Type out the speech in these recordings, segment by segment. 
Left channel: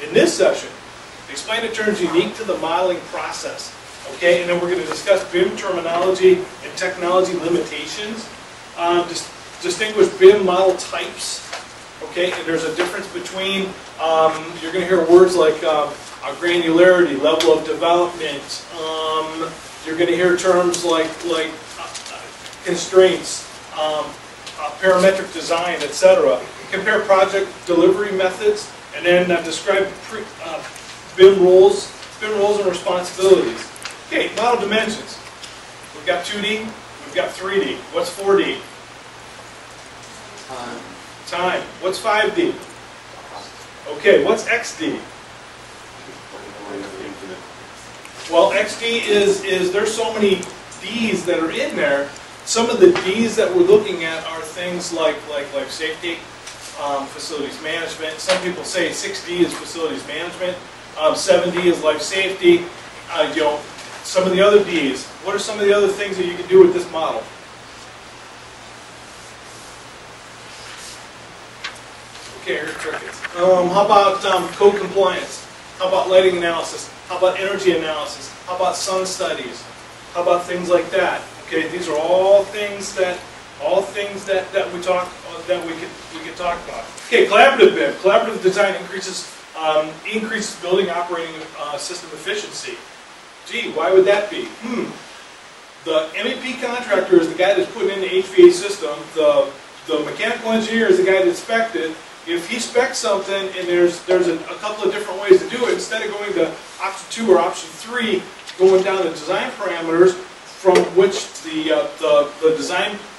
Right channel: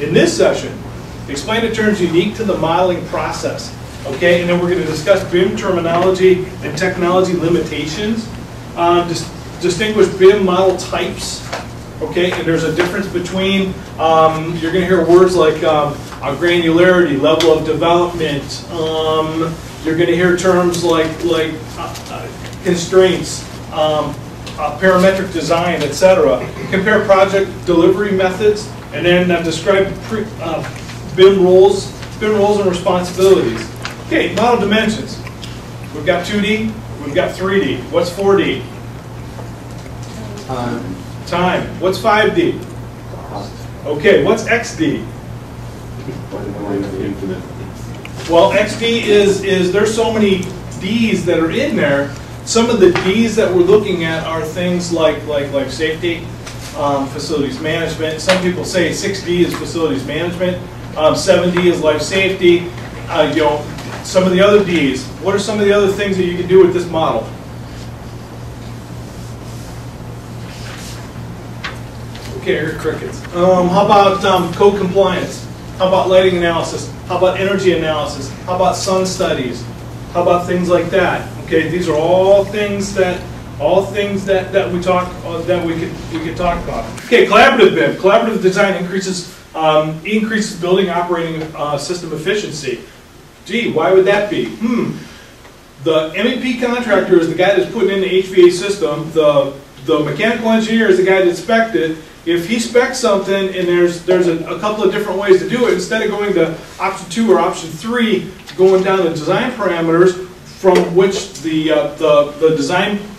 In this session, explain the terms unique to the modeling process. Okay, and then we're going to discuss BIM terminology and technology limitations. Distinguish BIM model types. Okay, and there's a difference between, you're going to hear words like granularity, level of development. You're going to hear terms like constraints, parametric design, etc. Compare project delivery methods, and then describe BIM roles and responsibilities. Okay, model dimensions. We've got 2D, we've got 3D. What's 4D? Time. What's 5D? Okay, what's XD? Well, XD is there's so many Ds that are in there. Some of the Ds that we're looking at are things like life safety, facilities management. Some people say 6D is facilities management, 7D is life safety. Some of the other Ds. What are some of the other things that you can do with this model? Okay, here are crickets. How about code compliance? How about lighting analysis? How about energy analysis? How about sun studies? How about things like that? Okay, these are all things that we could talk about. Okay, collaborative BIM. Collaborative design increases building operating system efficiency. Gee, why would that be? The MEP contractor is the guy that's putting in the HVAC system. The mechanical engineer is the guy that spec'd it. If he specs something and there's a couple of different ways to do it, instead of going to option 2 or option 3, going down the design parameters from which the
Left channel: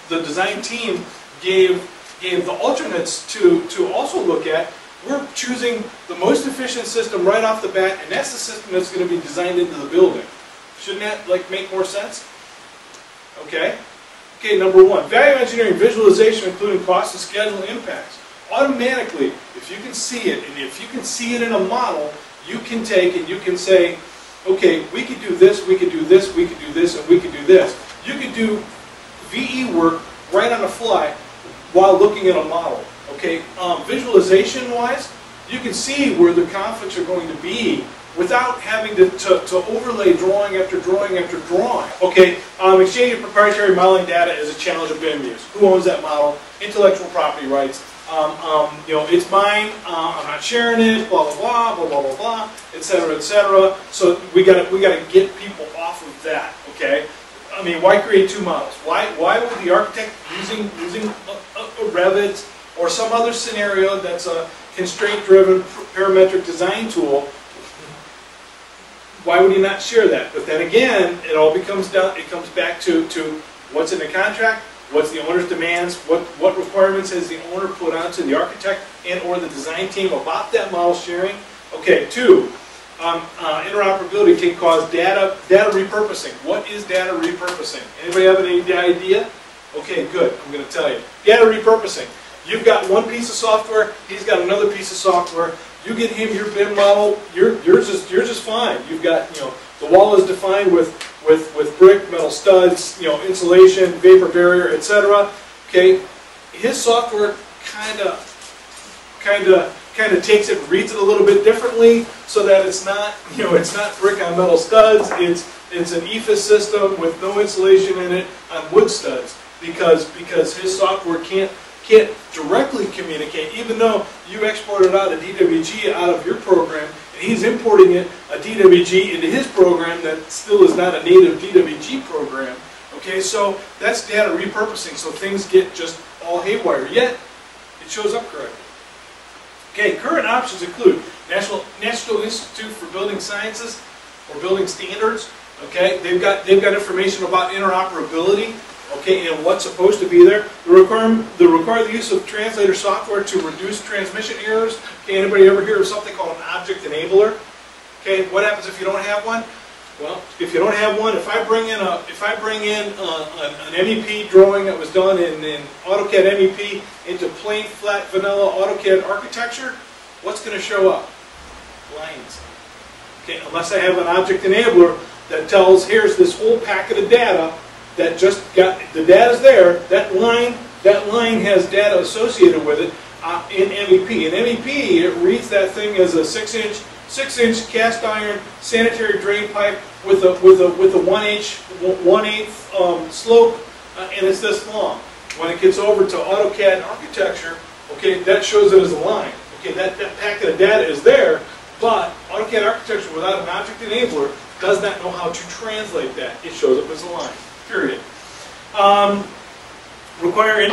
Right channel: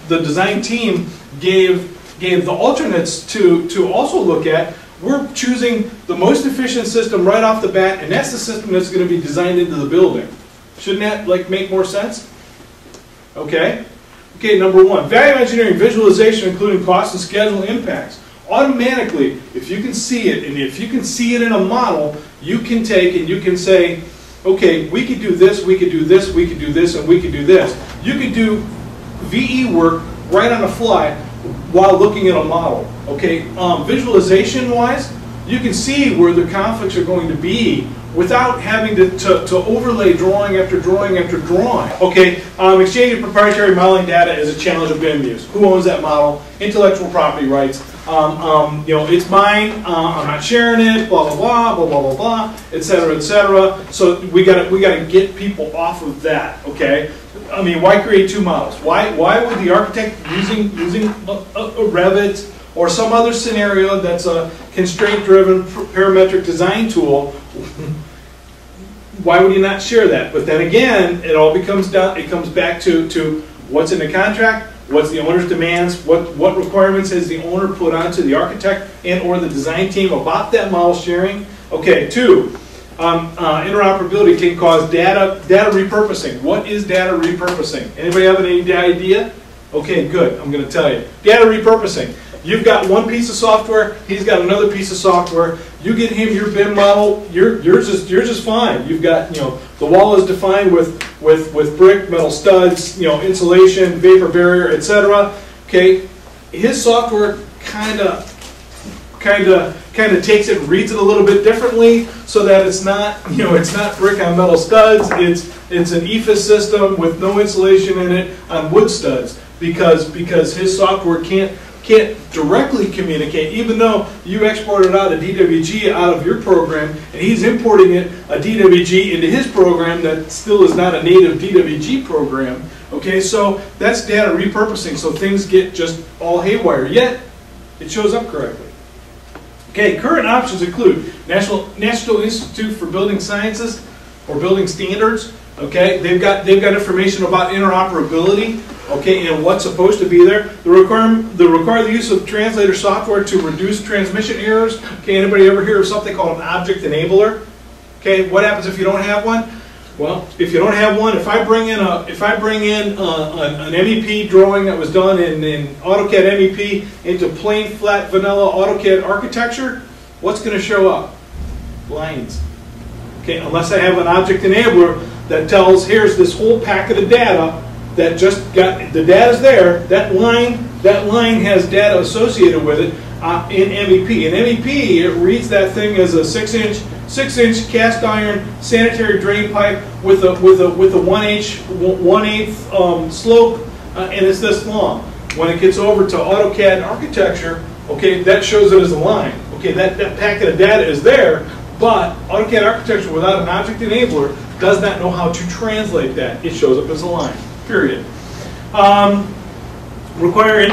design team gave the alternates to also look at, we're choosing the most efficient system right off the bat, and that's the system that's going to be designed into the building. Shouldn't that make more sense? Okay. Okay, number 1, value engineering visualization, including cost and schedule impacts. Automatically, if you can see it, and if you can see it in a model, you can take and you can say, okay, we could do this, we could do this, we could do this, and we could do this. You could do VE work right on the fly while looking at a model. Okay, visualization-wise, you can see where the conflicts are going to be without having to overlay drawing after drawing after drawing. Okay, exchanging proprietary modeling data is a challenge of BIM use. Who owns that model? Intellectual property rights. It's mine. I'm not sharing it. Blah blah blah blah blah blah blah, etc. etc. So we gotta get people off of that. Okay. I mean, why create 2 models? Why would the architect using a Revit or some other scenario that's a constraint-driven parametric design tool? Why would you not share that? But then again, it all comes back to what's in the contract, what's the owner's demands, what requirements has the owner put onto the architect and or the design team about that model sharing. Okay, 2. Interoperability can cause data repurposing. What is data repurposing? Anybody have any idea? Okay, good. I'm going to tell you. Data repurposing. You've got one piece of software. He's got another piece of software. You get him your BIM model. You're just fine. You've got the wall is defined with brick, metal studs, insulation, vapor barrier, etc. Okay, his software kind of takes it and reads it a little bit differently, so that it's not it's not brick on metal studs. It's an EFIS system with no insulation in it on wood studs, because his software can't directly communicate, even though you exported out a DWG out of your program and he's importing a DWG into his program that still is not a native DWG program. Okay, so that's data repurposing, so things get just all haywire, yet it shows up correctly. Okay, current options include National Institute for Building Sciences or Building Standards. Okay, they've got information about interoperability. Okay, and what's supposed to be there. They require the use of translator software to reduce transmission errors. Okay, anybody ever hear of something called an object enabler? Okay, what happens if you don't have one? Well, if you don't have one, if I bring in an MEP drawing that was done in AutoCAD MEP into plain flat vanilla AutoCAD architecture, what's going to show up? Lines. Okay, unless I have an object enabler that tells, here's this whole packet of data that just got, the data's there, that line that line has data associated with it in MEP. In MEP, it reads that thing as a 6-inch cast iron sanitary drain pipe with a 1/8 slope, and it's this long. When it gets over to AutoCAD architecture, okay, that shows it as a line. Okay, that packet of data is there, but AutoCAD architecture without an object enabler does not know how to translate that. It shows up as a line, period. Require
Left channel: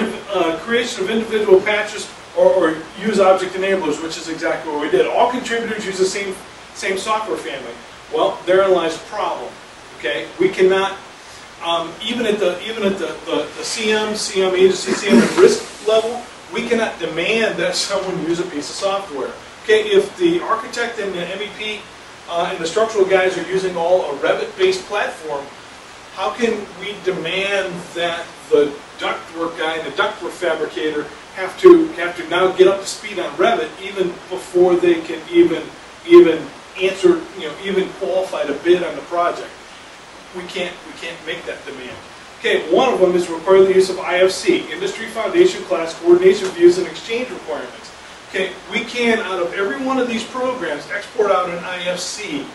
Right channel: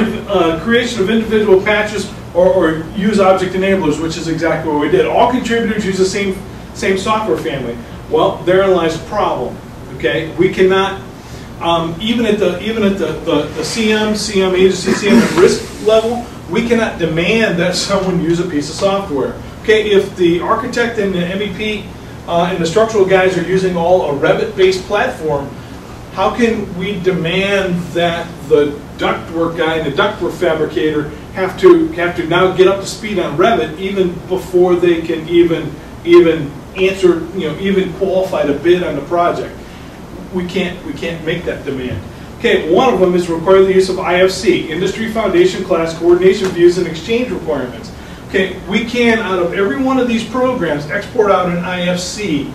creation of individual patches or use object enablers, which is exactly what we did. All contributors use the same software family. Well, therein lies the problem. Okay, we cannot even at the CM agency, CM at risk level, we cannot demand that someone use a piece of software. Okay, if the architect and the MEP and the structural guys are using all a Revit-based platform, how can we demand that the ductwork guy and the ductwork fabricator have to now get up to speed on Revit even before they can even answer, even qualify to bid on the project? We can't make that demand. Okay, one of them is require the use of IFC, Industry Foundation Class Coordination Views and Exchange Requirements. Okay, we can, out of every one of these programs, export out an IFC,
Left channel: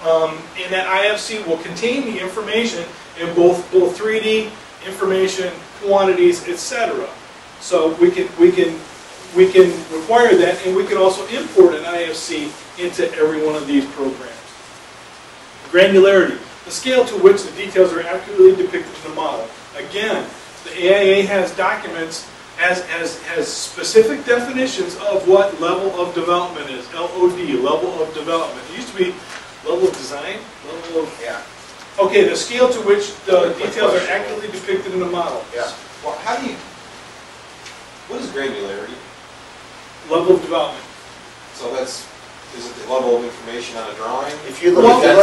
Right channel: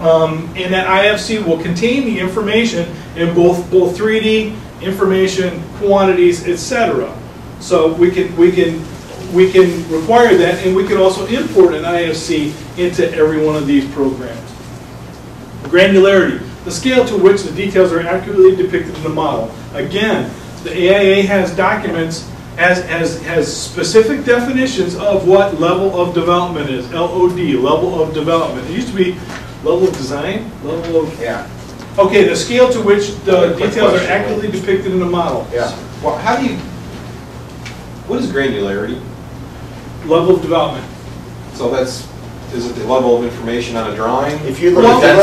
and that IFC will contain the information in both 3D information, quantities, etc. So we can require that, and we can also import an IFC into every one of these programs. Granularity, the scale to which the details are accurately depicted in the model. Again, the AIA has documents, has specific definitions of what level of development is. LOD, level of development. It used to be level of design, level of... Yeah. Okay, the scale to which the details are accurately depicted in the model. Yeah. Well, what is granularity? Level of development. So is it the level of information on a drawing? If you look at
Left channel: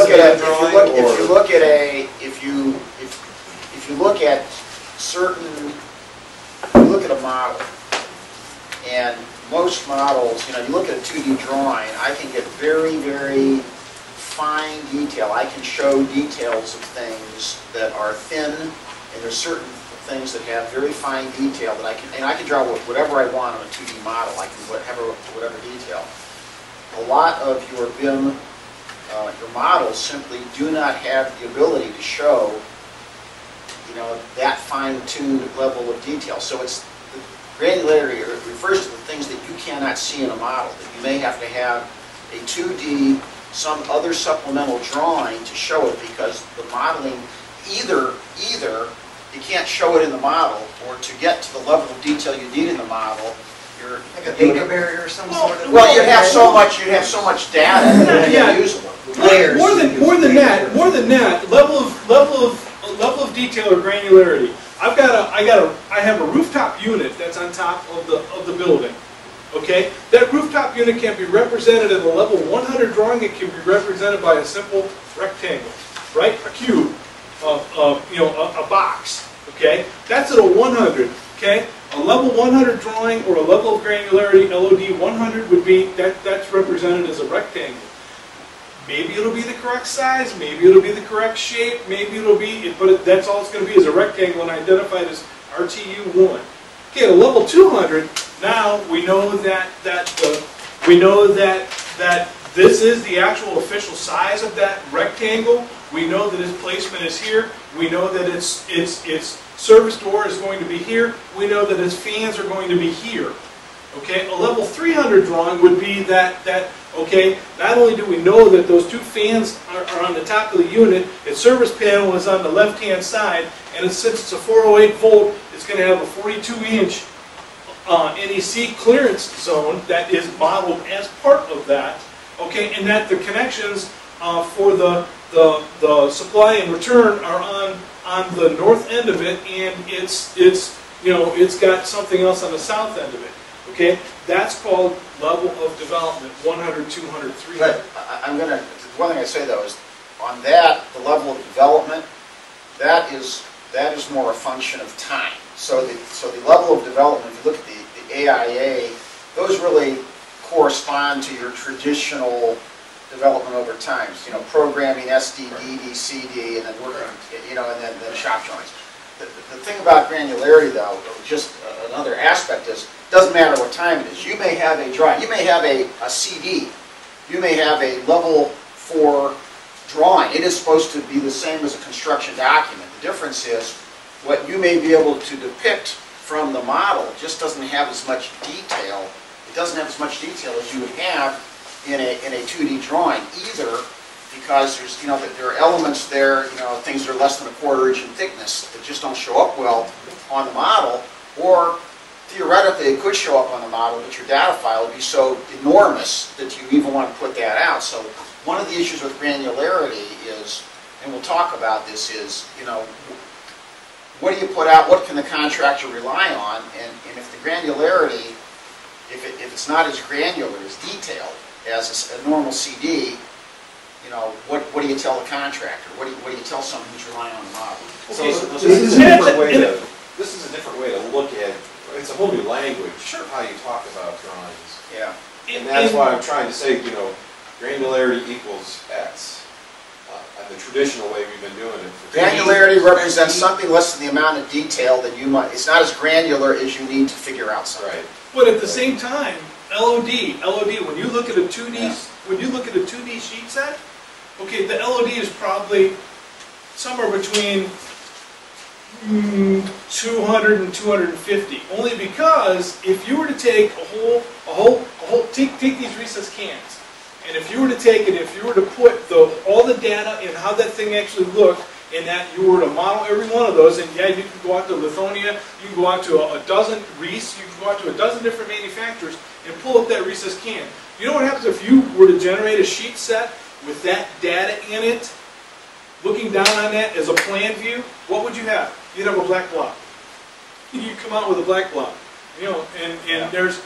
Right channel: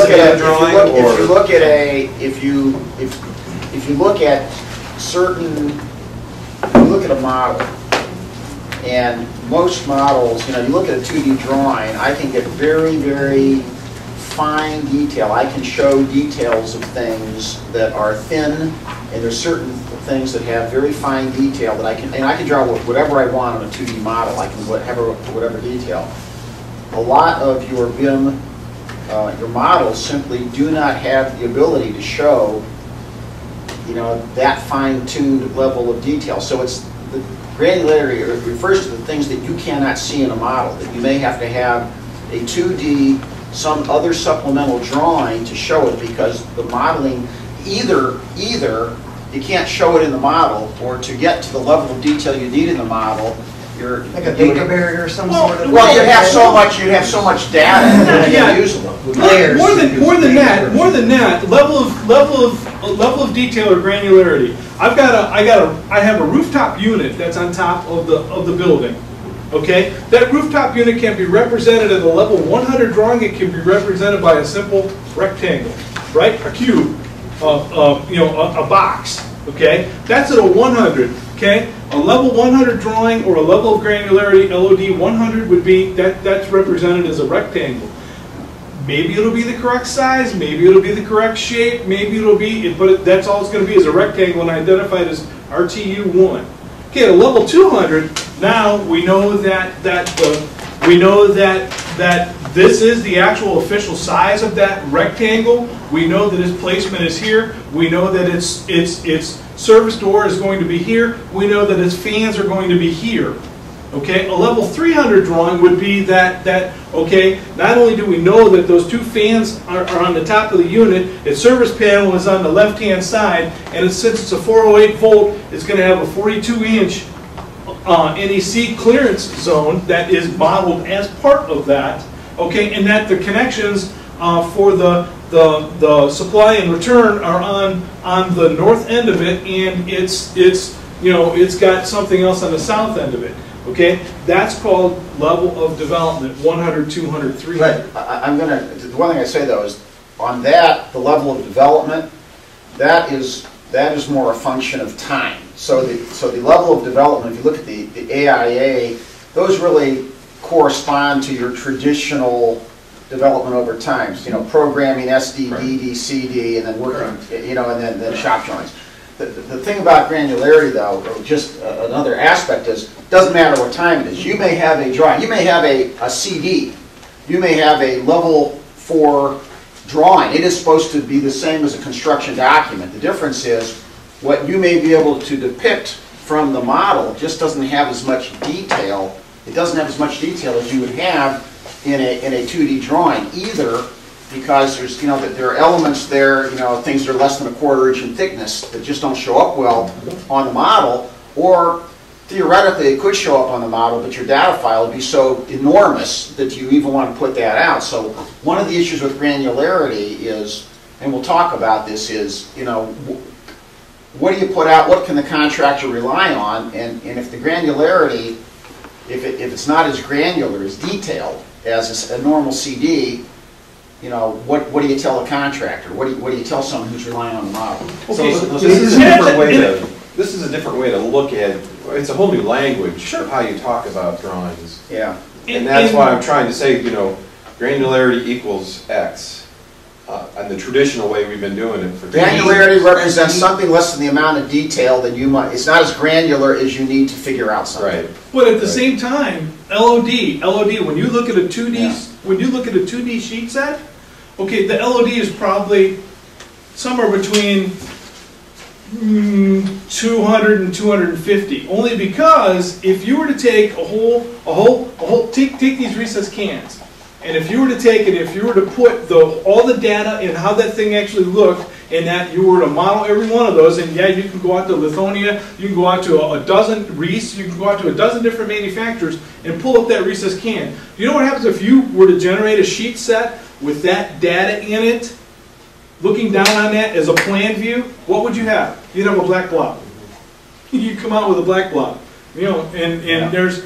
a model, and most models, you look at a 2D drawing, I can get very, very fine detail. I can show details of things that are thin, and there's certain things that have very fine detail that I can draw whatever I want on a 2D model. I can have whatever detail. A lot of your BIM, your models simply do not have the ability to show, that fine-tuned level of detail. So it's the granularity refers to the things that you cannot see in a model, that you may have to have a 2D, some other supplemental drawing to show it, because the modeling, either you can't show it in the model, or to get to the level of detail you need in the model, you're like a data barrier or some sort of. Well, you'd have so much data yeah. usable. Layers. More than that. Level of detail or granularity. I have a rooftop unit that's on top of the building. Okay, that rooftop unit can be represented at a level 100 drawing. It can be represented by a simple rectangle, right? A cube, a box. Okay, that's at a 100. Okay, a level 100 drawing or a level of granularity, LOD 100 would be that's represented as a rectangle. Maybe it'll be the correct size, maybe it'll be the correct shape, maybe it'll be, but that's all it's going to be is a rectangle and identified as RTU1. Okay, at a level 200, now we know that this is the actual official size of that rectangle. We know that its placement is here. We know that its service door is going to be here. We know that its fans are going to be here. Okay, a level 300 drawing would be that okay, not only do we know that those two fans are on the top of the unit, its service panel is on the left-hand side, and since it's a 408 volt, it's going to have a 42-inch NEC clearance zone that is modeled as part of that. Okay, and that the connections for the supply and return are on the north end of it, and it's got something else on the south end of it. Okay, that's called level of development, 100, 200, 300. But the one thing I say though is, on that, the level of development, that is more a function of time. So the level of development, if you look at the AIA, those really correspond to your traditional development over time. Programming SD, DD, CD, and then working, and then shop drawings. the thing about granularity, though, or just another aspect is, it doesn't matter what time it is. You may have a drawing, you may have a CD, you may have a level 4 drawing. It is supposed to be the same as a construction document. The difference is what you may be able to depict from the model just doesn't have as much detail. It doesn't have as much detail as you would have in a 2D drawing, either because there's, there are elements there, things that are less than 1/4 inch in thickness that just don't show up well on the model, or theoretically it could show up on the model, but your data file would be so enormous that you even want to put that out. So one of the issues with granularity is, and we'll talk about this, is, what do you put out, what can the contractor rely on, and if the granularity, if it's not as granular, as detailed as a normal CD, what do you tell the contractor? What do you tell someone who's relying on the model? Okay. So this is a different way to. This is a different way to look at. It's a whole new language of how you talk about drawings. Yeah. And that's why I'm trying to say, granularity equals X. And the traditional way we've been doing it for granularity represents something less than the amount of detail that you might. It's not as granular as you need to figure out something. Right. But at the same time, LOD. When you look at a 2D, Yeah. when you look at a 2D sheet set, okay, the LOD is probably somewhere between 200 and 250. Only because if you were to take take these recessed cans, and if you were to take it, if you were to put all the data and how that thing actually looked, and that you were to model every one of those, and yeah, you can go out to Lithonia, you can go out to a dozen Reese, you can go out to a dozen different manufacturers and pull up that recessed can. You know what happens if you were to generate a sheet set with that data in it, looking down on that as a plan view? What would you have? You'd have a black blob. You come out with a black blob. And there's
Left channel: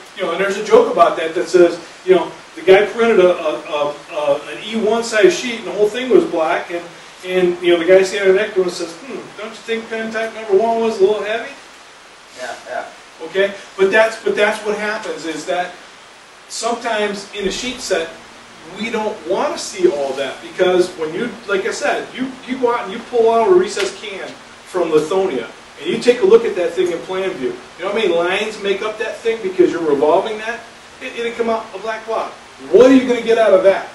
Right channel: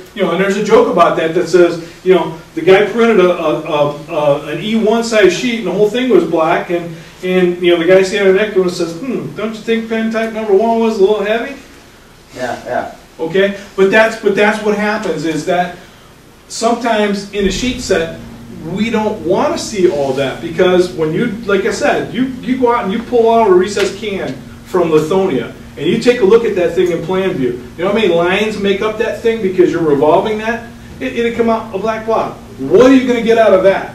a joke about that says, the guy printed an E1 size sheet and the whole thing was black, and the guy standing next to him says, don't you think pen type number 1 was a little heavy? Yeah. Okay, but that's what happens, is that sometimes in a sheet set we don't want to see all that, because when you, like I said, you go out and you pull out a recessed can from Lithonia, and you take a look at that thing in plan view. You know how many lines make up that thing because you're revolving that? It'll come out a black blob. What are you going to get out of that?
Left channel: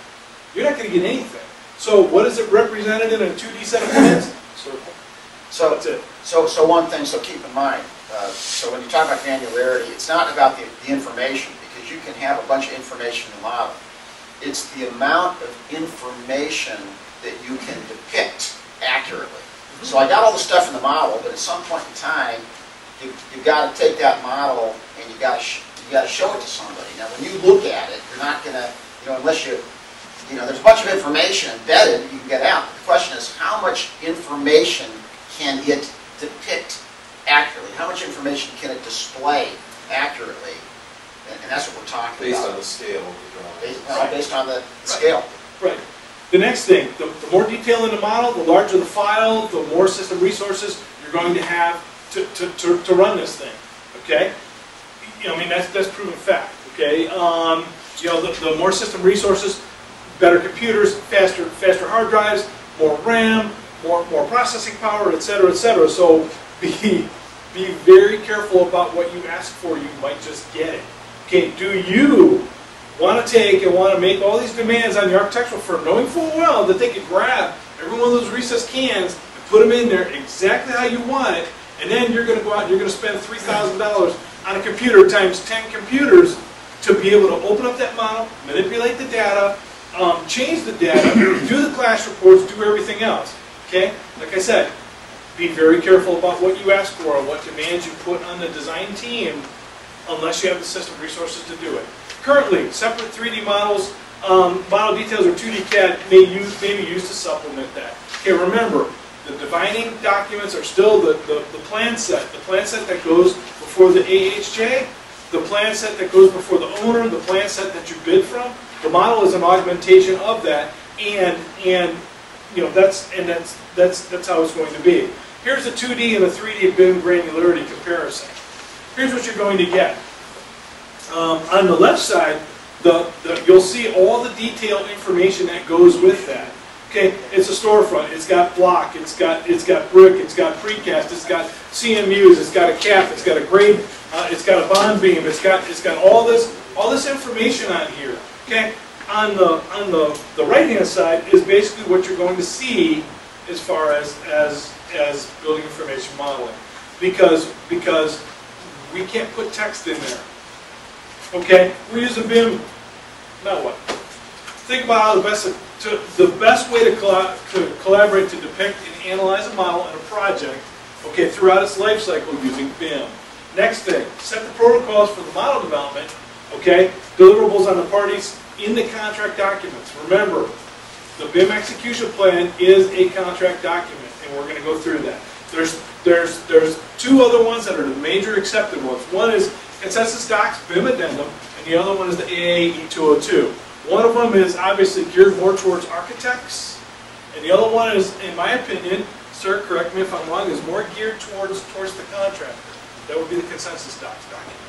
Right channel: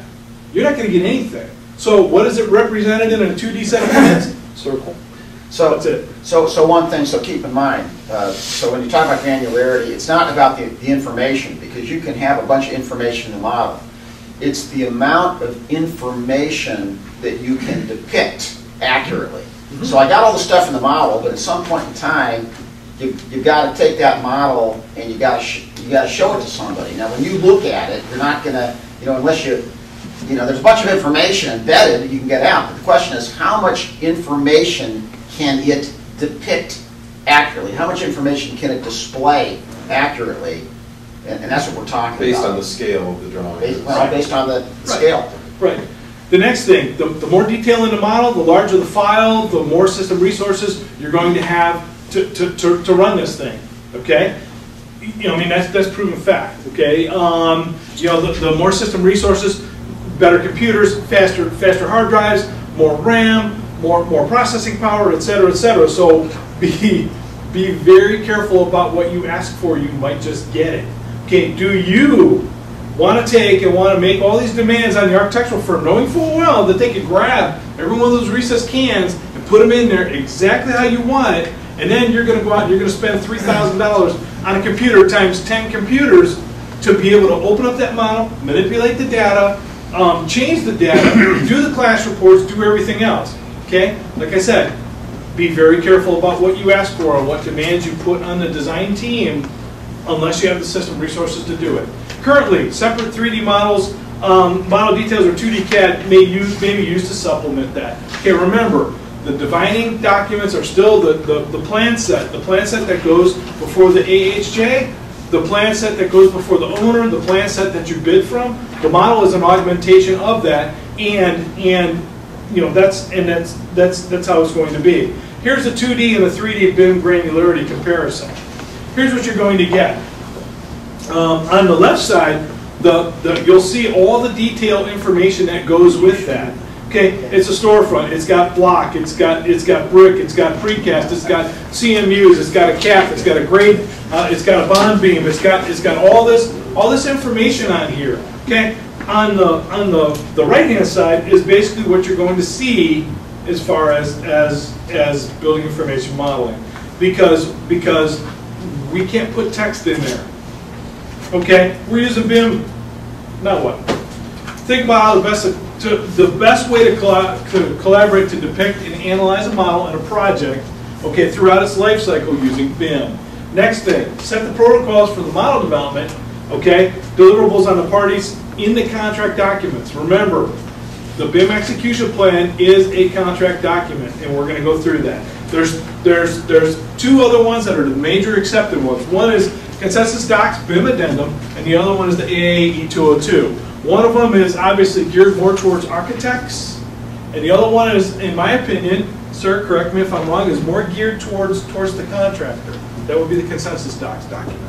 You're not going to get anything. So what is it represented in a 2D set of plans? Circle. So that's it. So one thing, so keep in mind, so when you talk about granularity, it's not about the information, because you can have a bunch of information in the model. It's the amount of information that you can depict accurately. So I got all the stuff in the model, but at some point in time, you've got to take that model and you got to show it to somebody. Now, when you look at it, you're not going to, unless there's a bunch of information embedded that you can get out. But the question is, how much information can it depict accurately? How much information can it display accurately? And that's what we're talking based about. On the scale of the drawing. Based on the scale. Right. The next thing, the more detail in the model, the larger the file, the more system resources you're going to have to run this thing. Okay, that's proven fact. Okay, the more system resources, better computers, faster hard drives, more RAM, more processing power, etc., etc. So be very careful about what you ask for. You might just get it. Okay, do you want to take and want to make all these demands on the architectural firm, knowing full well that they could grab every one of those recessed cans and put them in there exactly how you want it, and then you're going to go out and you're going to spend $3,000 on a computer times 10 computers to be able to open up that model, manipulate the data, change the data, do the clash reports, do everything else. Okay? Like I said, be very careful about what you ask for and what demands you put on the design team, unless you have the system resources to do it. Currently, separate 3D models, model details, or 2D CAD may be used to supplement that. Okay, remember, the dividing documents are still the plan set that goes before the AHJ, the plan set that goes before the owner, the plan set that you bid from. The model is an augmentation of that, and that's how it's going to be. Here's a 2D and a 3D BIM granularity comparison. Here's what you're going to get. On the left side, you'll see all the detailed information that goes with that. Okay, it's a storefront. It's got block. It's got brick. It's got precast. It's got CMUs. It's got a cap. It's got a grade. It's got a bond beam. It's got all this information on here. Okay, on the right hand side is basically what you're going to see as far as building information modeling, because we can't put text in there. Okay, we're using BIM. Now what? Think about how the best way to collaborate to depict and analyze a model in a project, okay, throughout its life cycle using BIM. Next thing, set the protocols for the model development, okay, deliverables on the parties in the contract documents. Remember, the BIM execution plan is a contract document, and we're going to go through that. There's two other ones that are the major accepted ones. One is Consensus Docs BIM Addendum, and the other one is the AAE 202. One of them is obviously geared more towards architects, and the other one is, in my opinion, sir, correct me if I'm wrong, is more geared towards the contractor. That would be the Consensus Docs document.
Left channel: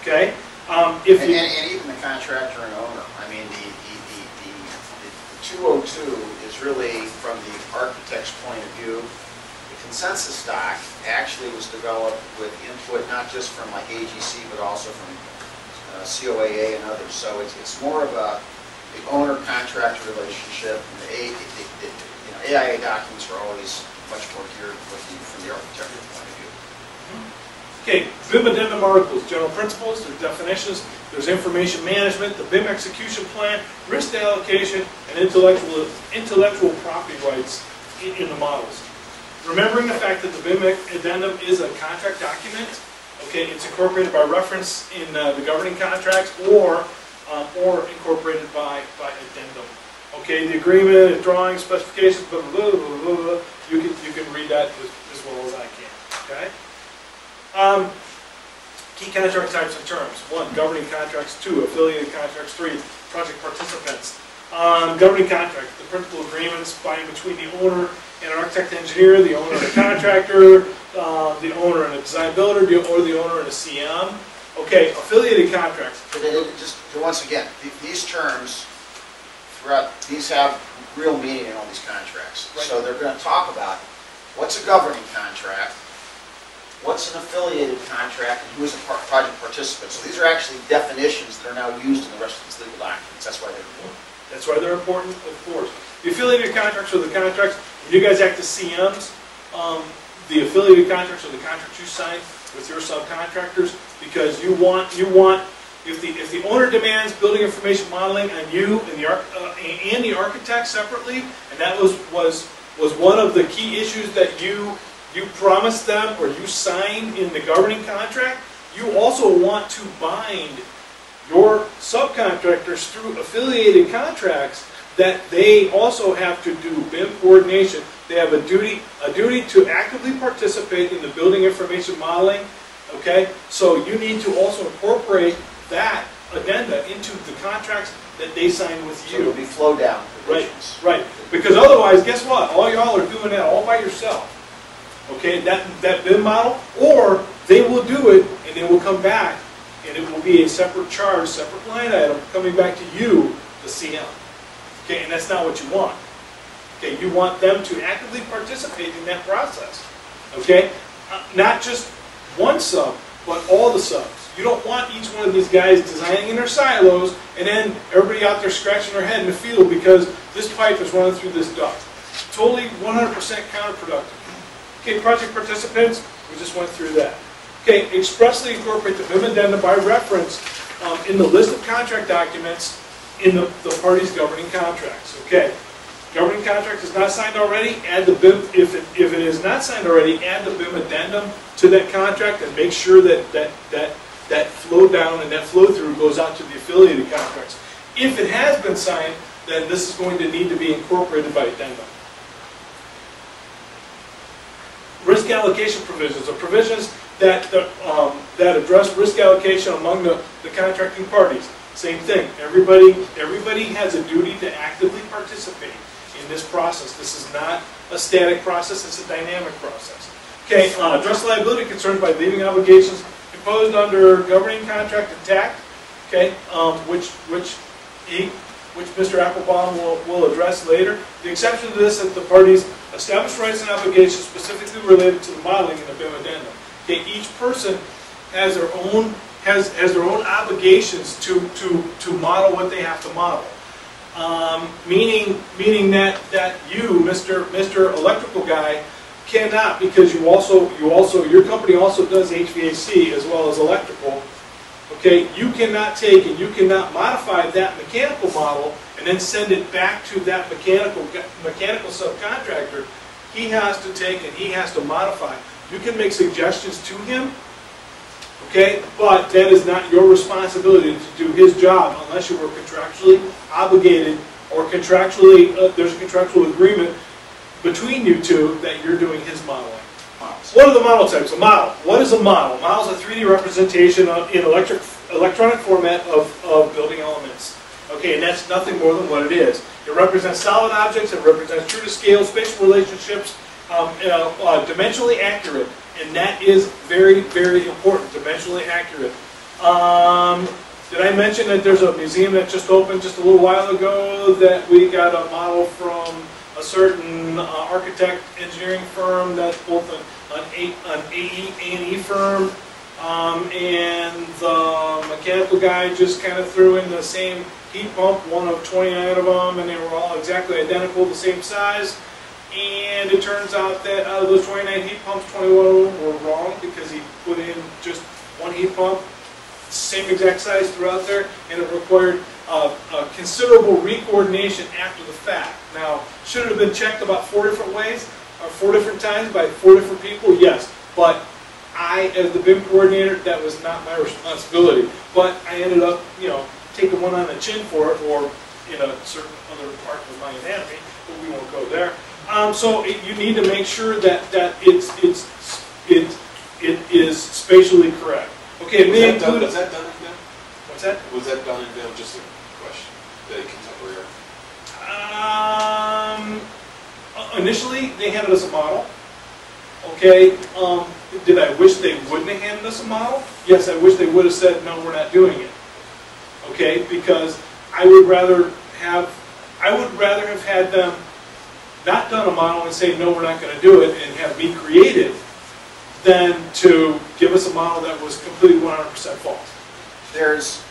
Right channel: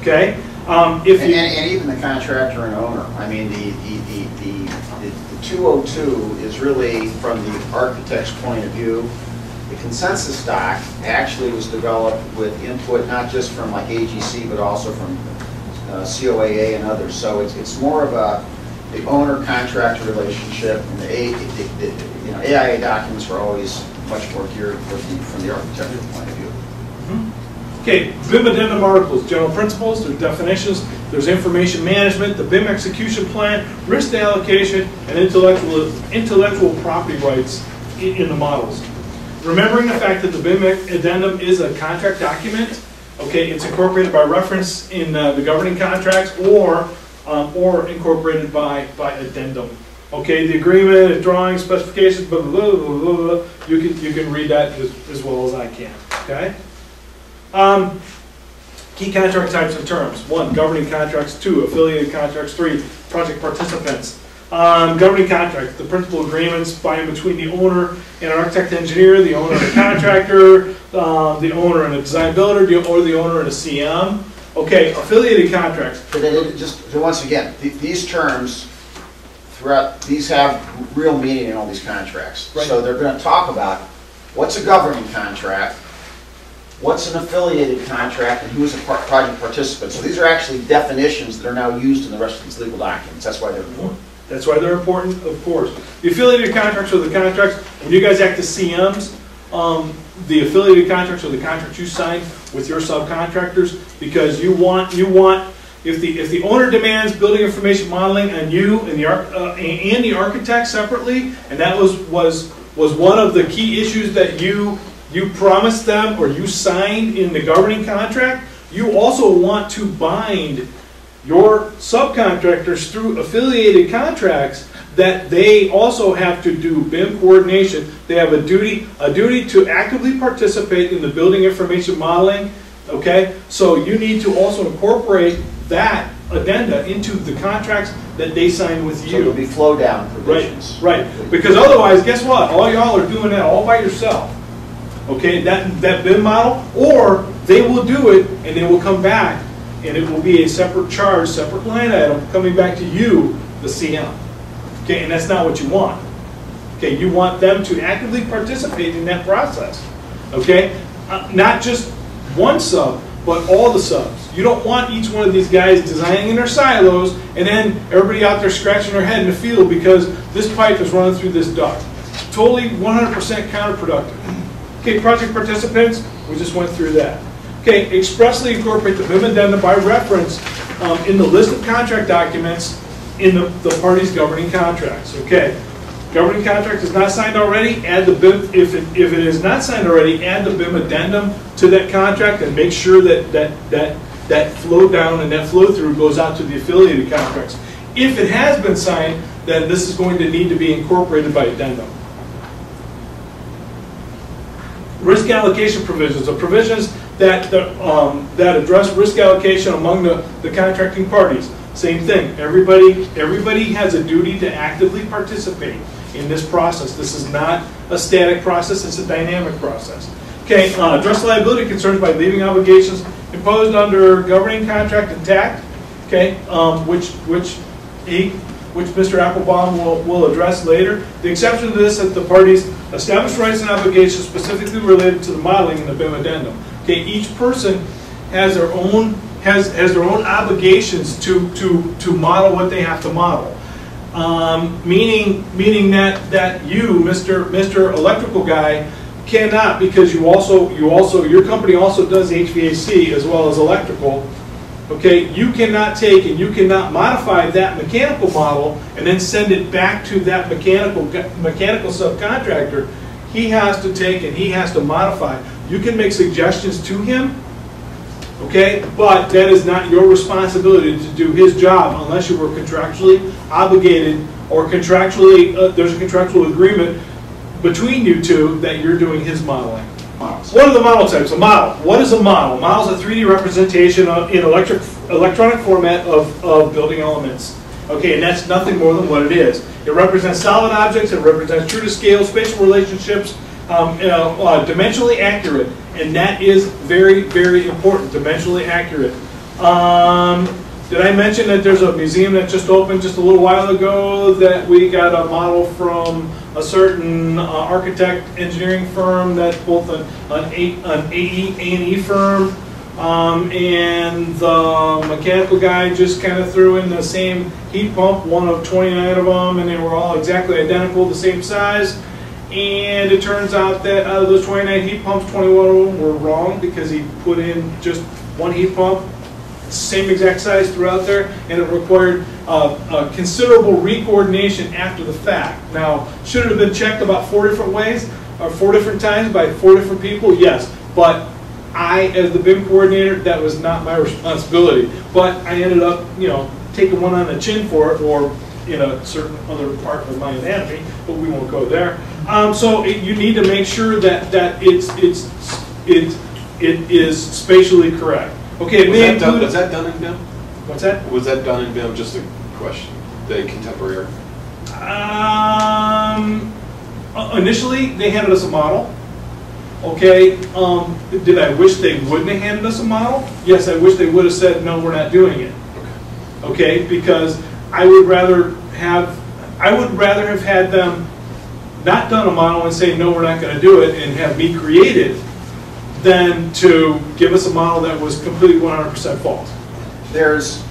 Okay? And even the contractor and owner. I mean, the 202 is really from the architect's point of view. The consensus doc actually was developed with input not just from like AGC, but also from COAA and others. So it's more of the owner-contractor relationship, and the AIA documents are always much more geared from the architectural point of view. Okay, BIM addendum articles, general principles, there's definitions, there's information management, the BIM execution plan, risk allocation, and intellectual property rights in the models. Remembering the fact that the BIM addendum is a contract document, okay, it's incorporated by reference in the governing contracts or incorporated by addendum. Okay, the agreement, drawings, specifications, blah, blah, blah, blah, blah, blah. You can read that as well as I can. Okay. Key contract types and terms. 1, governing contracts. 2, affiliated contracts. 3, project participants. Governing contract, the principal agreements by and between the owner and an architect engineer, the owner and a contractor, the owner and a design builder, or the owner and a CM. Okay, affiliated contracts. But just once again, these terms throughout, these have real meaning in all these contracts. Right. So they're going to talk about what's a governing contract, what's an affiliated contract, and who is a project participant. So these are actually definitions that are now used in the rest of these legal documents. That's why they're important. That's why they're important, of course. The affiliated contracts are the contracts, when you guys act as CMs, the affiliated contracts are the contracts you sign with your subcontractors, because you want if the owner demands building information modeling on you and the architect separately, and that was one of the key issues that you promised them or you signed in the governing contract, you also want to bind your subcontractors through affiliated contracts that they also have to do BIM coordination. They have a duty to actively participate in the building information modeling. Okay, so you need to also incorporate that addenda into the contracts that they sign with you. So there'll be flow down provisions. Right. Because otherwise, guess what? All y'all are doing that all by yourself. Okay, that BIM model, or they will do it and they will come back and it will be a separate charge, separate line item coming back to you, the CM. Okay, and that's not what you want. Okay, you want them to actively participate in that process. Okay, not just one sub, but all the subs. You don't want each one of these guys designing in their silos and then everybody out there scratching their head in the field because this pipe is running through this duct. Totally 100% counterproductive. Okay, project participants, we just went through that. Okay, expressly incorporate the BIM addendum by reference in the list of contract documents in the parties governing contracts. Okay, governing contract is not signed already, add the BIM, if it is not signed already, add the BIM addendum to that contract and make sure that flow down and that flow through goes out to the affiliated contracts. If it has been signed, then this is going to need to be incorporated by addendum. Risk allocation provisions are provisions that address risk allocation among the contracting parties. Same thing. Everybody has a duty to actively participate in this process. This is not a static process. It's a dynamic process. Okay. Address liability concerns by leaving obligations imposed under governing contract intact. Okay. Which which Mr. Applebaum will address later. The exception to this is that the parties establish rights and obligations specifically related to the modeling in the BIM addendum. Okay, each person has their own obligations to model what they have to model. Meaning that you, Mr. Electrical Guy, cannot, because your company also does HVAC as well as electrical. Okay, you cannot take and you cannot modify that mechanical model and then send it back to that mechanical subcontractor. He has to take and he has to modify. You can make suggestions to him, okay, but that is not your responsibility to do his job unless you were contractually obligated or contractually there's a contractual agreement between you two that you're doing his modeling. What are the model types? A model. What is a model? A model is a 3D representation in electronic format of building elements. Okay, and that's nothing more than what it is. It represents solid objects. It represents true to scale, spatial relationships, dimensionally accurate, and that is very, very important. Dimensionally accurate. Did I mention that there's a museum that just opened just a little while ago that we got a model from a certain architect engineering firm that's both an A&E firm, and the mechanical guy just kind of threw in the same heat pump, one of 29 of them, and they were all exactly identical, the same size. And it turns out that out of those 29 heat pumps, 21 of them were wrong because he put in just one heat pump, same exact size throughout there, and it required considerable recoordination after the fact. Now, should it have been checked about 4 different ways, or 4 different times by 4 different people? Yes, but I, as the BIM coordinator, that was not my responsibility. But I ended up, taking one on the chin for it, or in a certain other part of my anatomy, but we won't go there. So you need to make sure that it is spatially correct. Okay, was that done in BIM? What's that? Was that done in BIM? Just a question. The contemporary. Initially, they handed us a model. Okay. Did I wish they wouldn't have handed us a model? Yes, I wish they would have said, no, we're not doing it. Okay, because I would rather have had them not done a model and say, no, we're not going to do it, and have me create it, than to give us a model that was completely 100% false. There's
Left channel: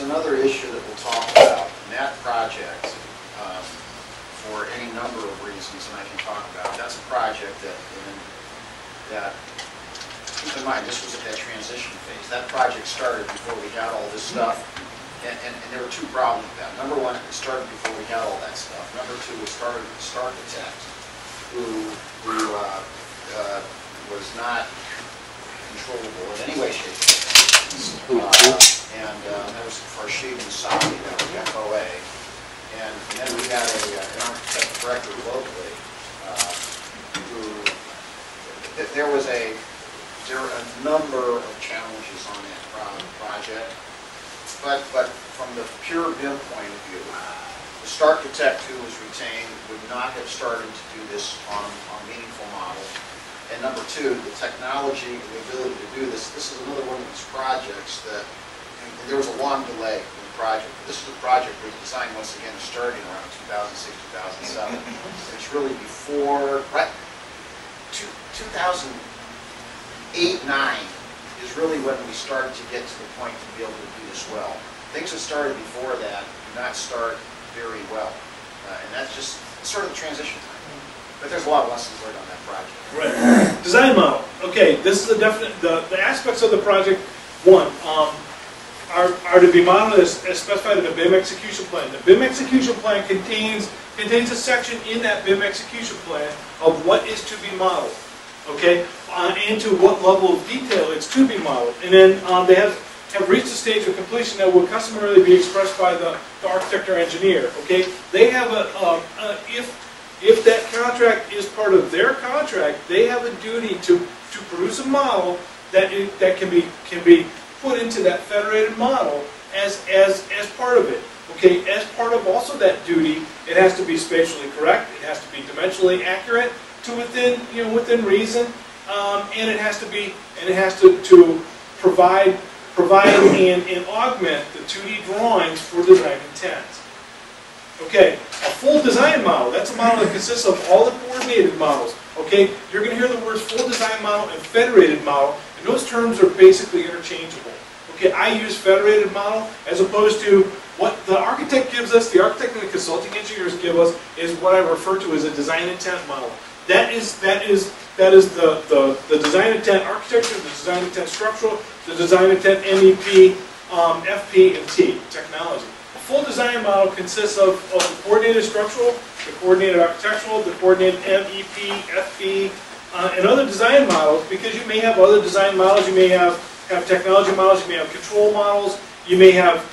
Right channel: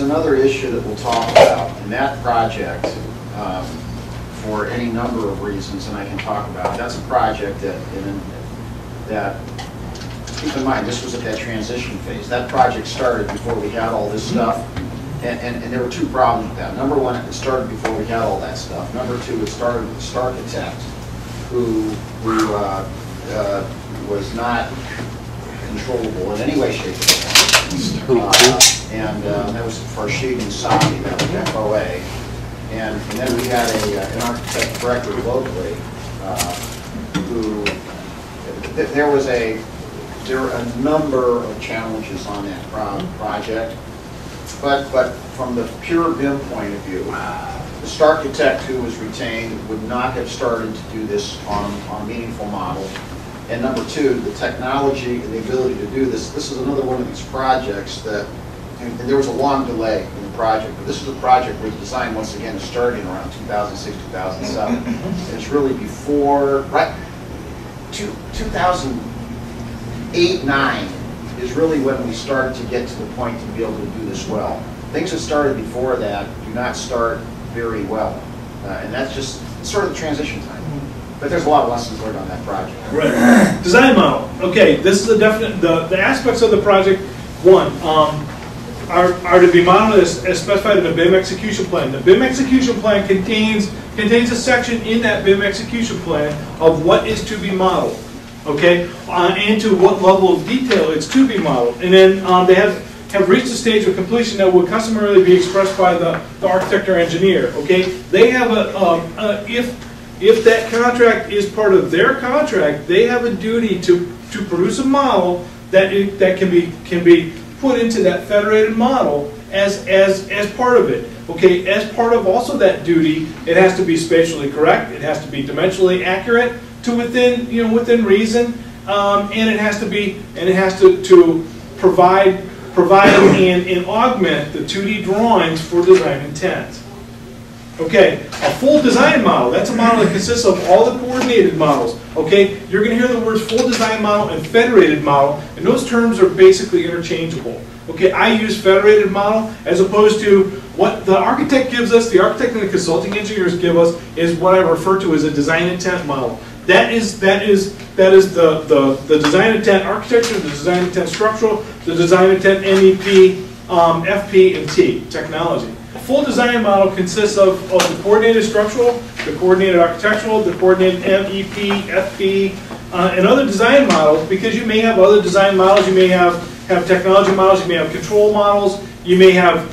another issue that we'll talk about, and that project, for any number of reasons, and I can talk about, that's a project that keep in mind, this was at that transition phase. That project started before we had all this stuff, and there were 2 problems with that. Number 1, it started before we had all that stuff. Number 2, it started with the architect, who was not controllable in any way, shape, or form. That was Farshid and Sabi, that was FOA. And then we had an architect director locally who, there were a number of challenges on that project. But from the pure BIM point of view, the architect who was retained would not have started to do this on a meaningful model. And number 2, the technology and the ability to do this. This is another one of these projects that, and there was a long delay in the project, but this is a project where the design, once again, is starting around 2006, 2007. And it's really before, right, 2008, 9 is really when we started to get to the point to be able to do this well. Things that started before that do not start very well. And that's just sort of the transition time. But there's a lot of lessons learned on that project. Right. Design model. Okay, this is a definite, the aspects of the project, 1, are to be modeled as specified in the BIM execution plan. The BIM execution plan contains a section in that BIM execution plan of what is to be modeled, okay, and to what level of detail it's to be modeled. And then they have reached a stage of completion that would customarily be expressed by the architect or engineer, okay? They have if that contract is part of their contract, they have a duty to produce a model that can be put into that federated model as part of it. Okay, as part of also that duty, it has to be spatially correct. It has to be dimensionally accurate to within reason, and it has to provide and augment the 2D drawings for design intent. Okay, a full design model, that's a model that consists of all the coordinated models. Okay, you're going to hear the words full design model and federated model, and those terms are basically interchangeable. Okay, I use federated model as opposed to what the architect gives us, the architect and the consulting engineers give us, is what I refer to as a design intent model. That is the design intent architecture, the design intent structural, the design intent MEP, FP, and T, technology. A full design model consists of the coordinated structural, the coordinated architectural, the coordinated MEP, FP, and other design models, because you may have other design models, you may have technology models, you may have control models, you may have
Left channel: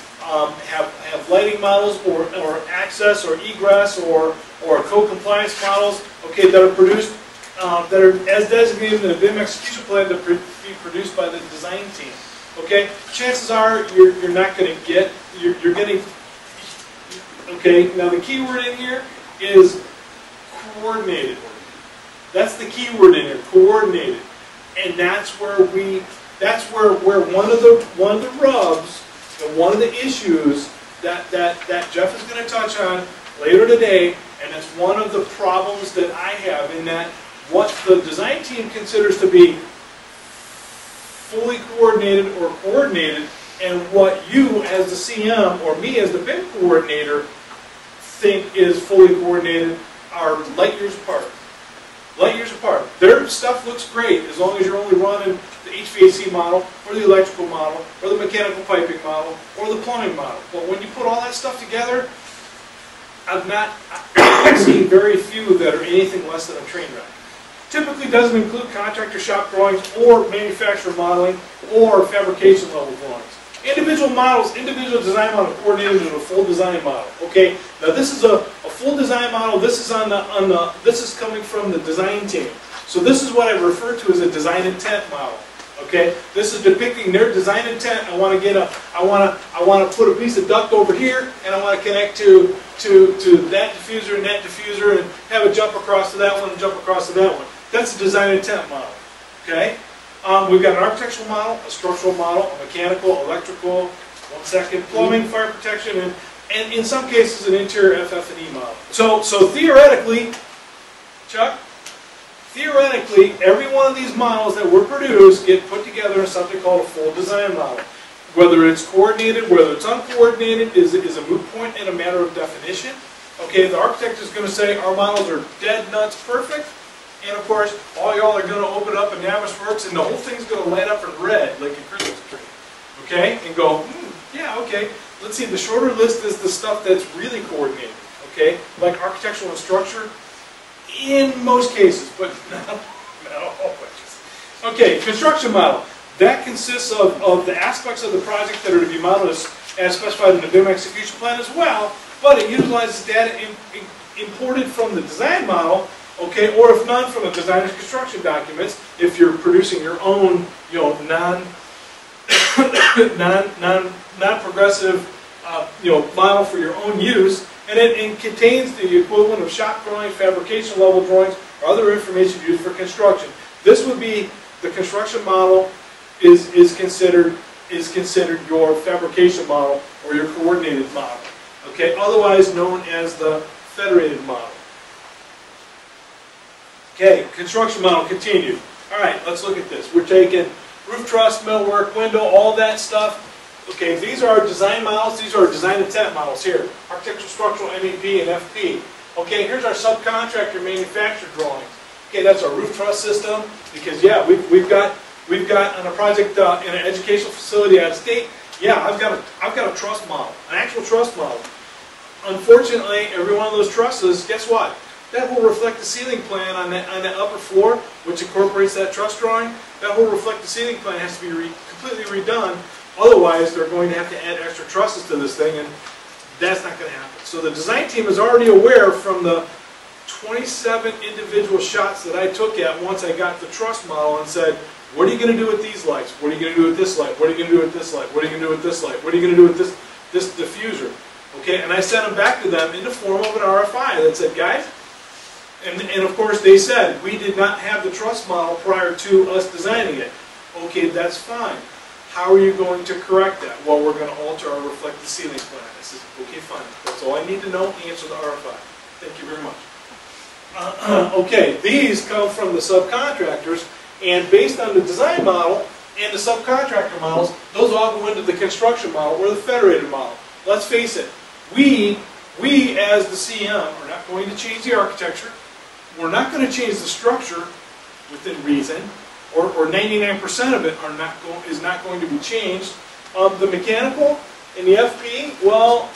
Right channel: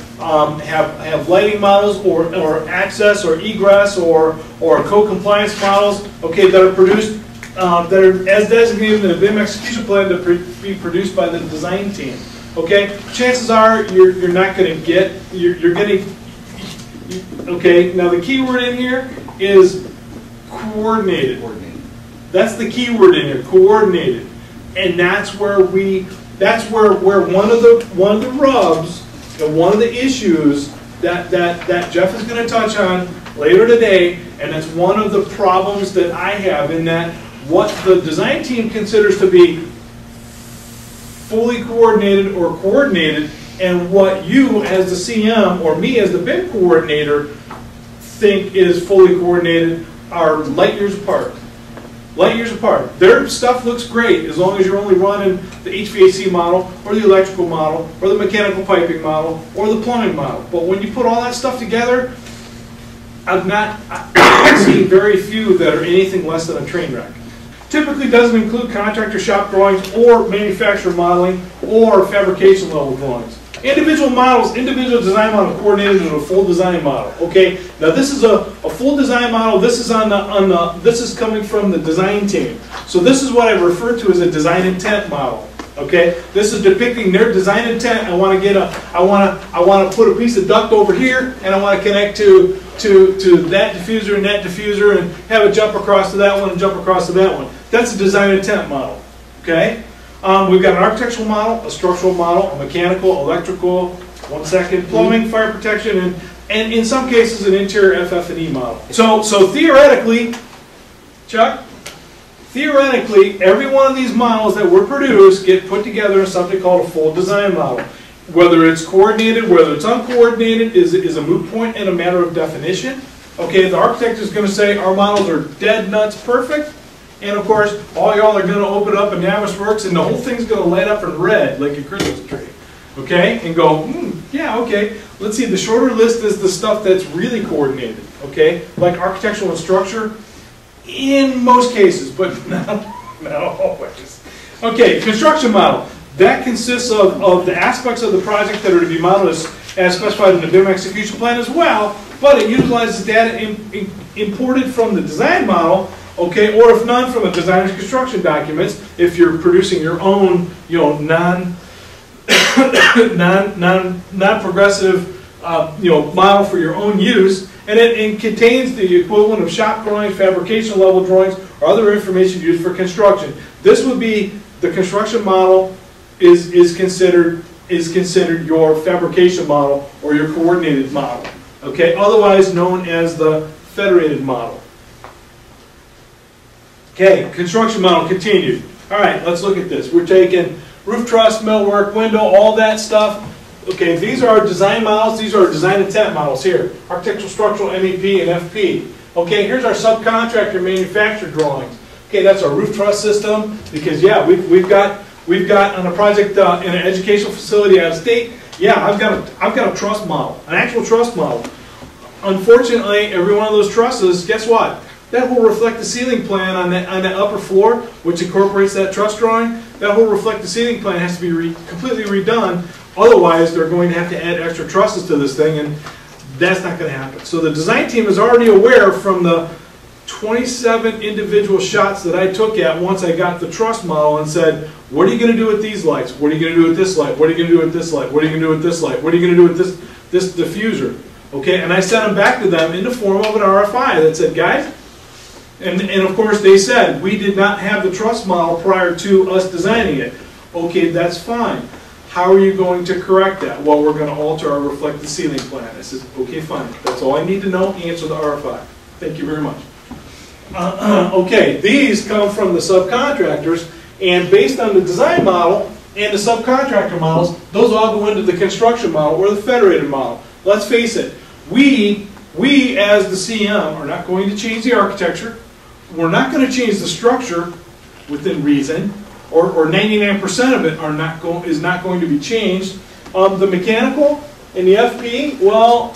lighting models, or access, or egress, or co-compliance models, okay, that are produced, that are as designated in the BIM execution plan to be produced by the design team. Okay, chances are you're not going to get, you're getting, okay, now the key word in here is coordinated. That's the key word in here, coordinated. And that's where one of the rubs and one of the issues that Jeff is going to touch on later today, and it's one of the problems that I have in that what the design team considers to be fully coordinated or coordinated, and what you as the CM or me as the BIM coordinator think is fully coordinated are light years apart. Light years apart. Their stuff looks great as long as you're only running the HVAC model, or the electrical model, or the mechanical piping model, or the plumbing model. But when you put all that stuff together, I've seen very few that are anything less than a train wreck. Typically doesn't include contractor shop drawings, or manufacturer modeling, or fabrication level drawings. Individual models, individual design model coordinated into a full design model. Okay, now this is a full design model. This is this is coming from the design team. So this is what I refer to as a design intent model. Okay, this is depicting their design intent. I want to put a piece of duct over here, and I want to connect to that diffuser and that diffuser, and have it jump across to that one and jump across to that one. That's a design intent model. Okay. We've got an architectural model, a structural model, a mechanical, electrical, plumbing, fire protection, and in some cases an interior FF&E model. So theoretically, Chuck, theoretically, every one of these models that were produced get put together in something called a full design model. Whether it's coordinated, whether it's uncoordinated, is a moot point and a matter of definition. Okay, the architect is going to say our models are dead nuts perfect. And of course, all y'all are going to open up a Navisworks, and the whole thing's going to light up in red like a Christmas tree. Okay? And go, yeah, okay. Let's see, the shorter list is the stuff that's really coordinated. Okay? Like architectural and structure, in most cases, but not always. Okay, construction model. That consists of the aspects of the project that are to be modeled as specified in the BIM execution plan as well, but it utilizes data imported from the design model, okay, or if none, from the designer's construction documents, if you're producing your own, non-progressive, model for your own use, and it contains the equivalent of shop drawings, fabrication level drawings, or other information used for construction. This would be the construction model is considered your fabrication model or your coordinated model, okay, otherwise known as the federated model. Okay, construction model continued. All right, let's look at this. We're taking roof truss, millwork, window, all that stuff. Okay, these are our design models. These are our design intent models here. Architectural, structural, MEP, and FP. Okay, here's our subcontractor manufacturer drawings. Okay, that's our roof truss system, because yeah, we've got on a project in an educational facility out of state. Yeah, I've got a truss model, an actual truss model. Unfortunately, every one of those trusses, guess what? That will reflect the ceiling plan on that upper floor, which incorporates that truss drawing. That will reflect the ceiling plan, has to be completely redone. Otherwise, they're going to have to add extra trusses to this thing, and that's not going to happen. So the design team is already aware from the 27 individual shots that I took at once I got the truss model and said, what are you going to do with these lights? What are you going to do with this light? What are you going to do with this light? What are you going to do with this light? What are you going to do with this diffuser? Okay, and I sent them back to them in the form of an RFI that said, guys, and of course they said, we did not have the truss model prior to us designing it. Okay, that's fine. How are you going to correct that? Well, we're going to alter our reflected ceiling plan. I says, okay, fine. That's all I need to know. Answer the RFI. Thank you very much. Okay, these come from the subcontractors, and based on the design model and the subcontractor models, those all go into the construction model or the federated model. Let's face it, we as the CM are not going to change the architecture. We're not going to change the structure within reason, or 99% of it is not going to be changed. The mechanical and the FP, well,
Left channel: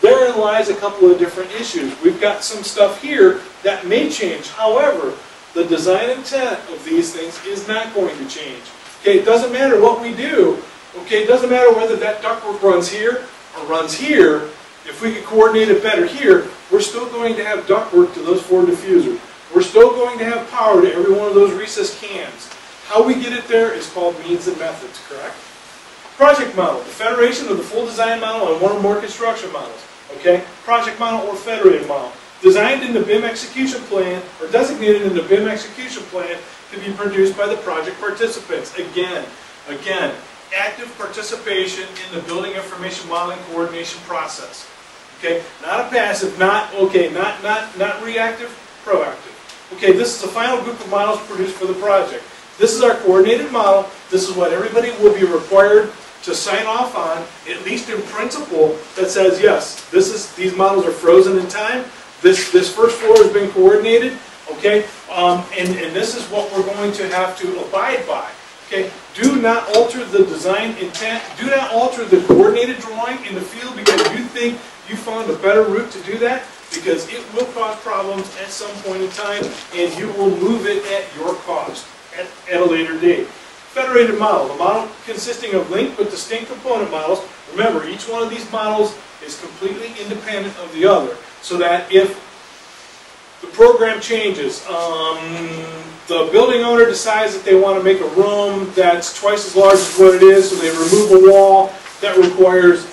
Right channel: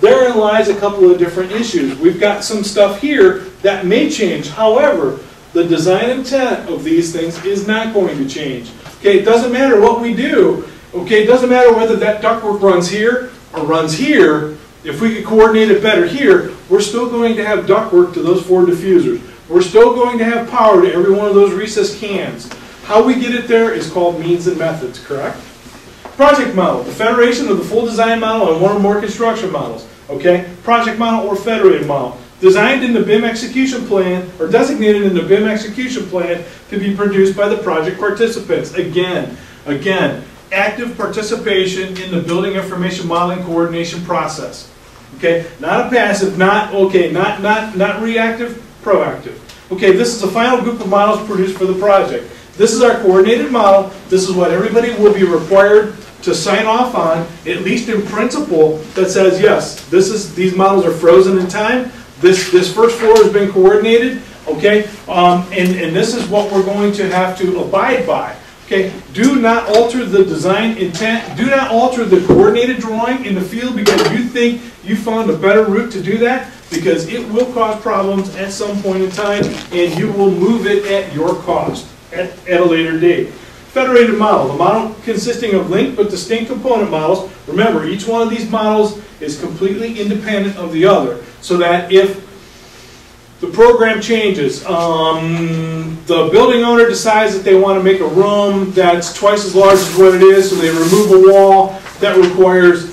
therein lies a couple of different issues. We've got some stuff here that may change. However, the design intent of these things is not going to change. Okay, it doesn't matter what we do. Okay, it doesn't matter whether that ductwork runs here or runs here. If we could coordinate it better here, we're still going to have ductwork to those 4 diffusers. We're still going to have power to every one of those recessed cans. How we get it there is called means and methods, correct? Project model, the federation of the full design model and one or more construction models. Okay, project model or federated model. Designed in the BIM execution plan, or designated in the BIM execution plan to be produced by the project participants. Again, active participation in the building information modeling coordination process. Okay, not a passive, not reactive, proactive. Okay, this is the final group of models produced for the project. This is our coordinated model. This is what everybody will be required to sign off on, at least in principle, that says, yes, these models are frozen in time. This first floor has been coordinated, okay, and this is what we're going to have to abide by. Okay, do not alter the design intent. Do not alter the coordinated drawing in the field because you think you found a better route to do that, because it will cause problems at some point in time, and you will move it at your cost at a later date. Federated model, the model consisting of linked but distinct component models. Remember, each one of these models is completely independent of the other, so that if the program changes, the building owner decides that they want to make a room that's twice as large as what it is, so they remove a wall, that requires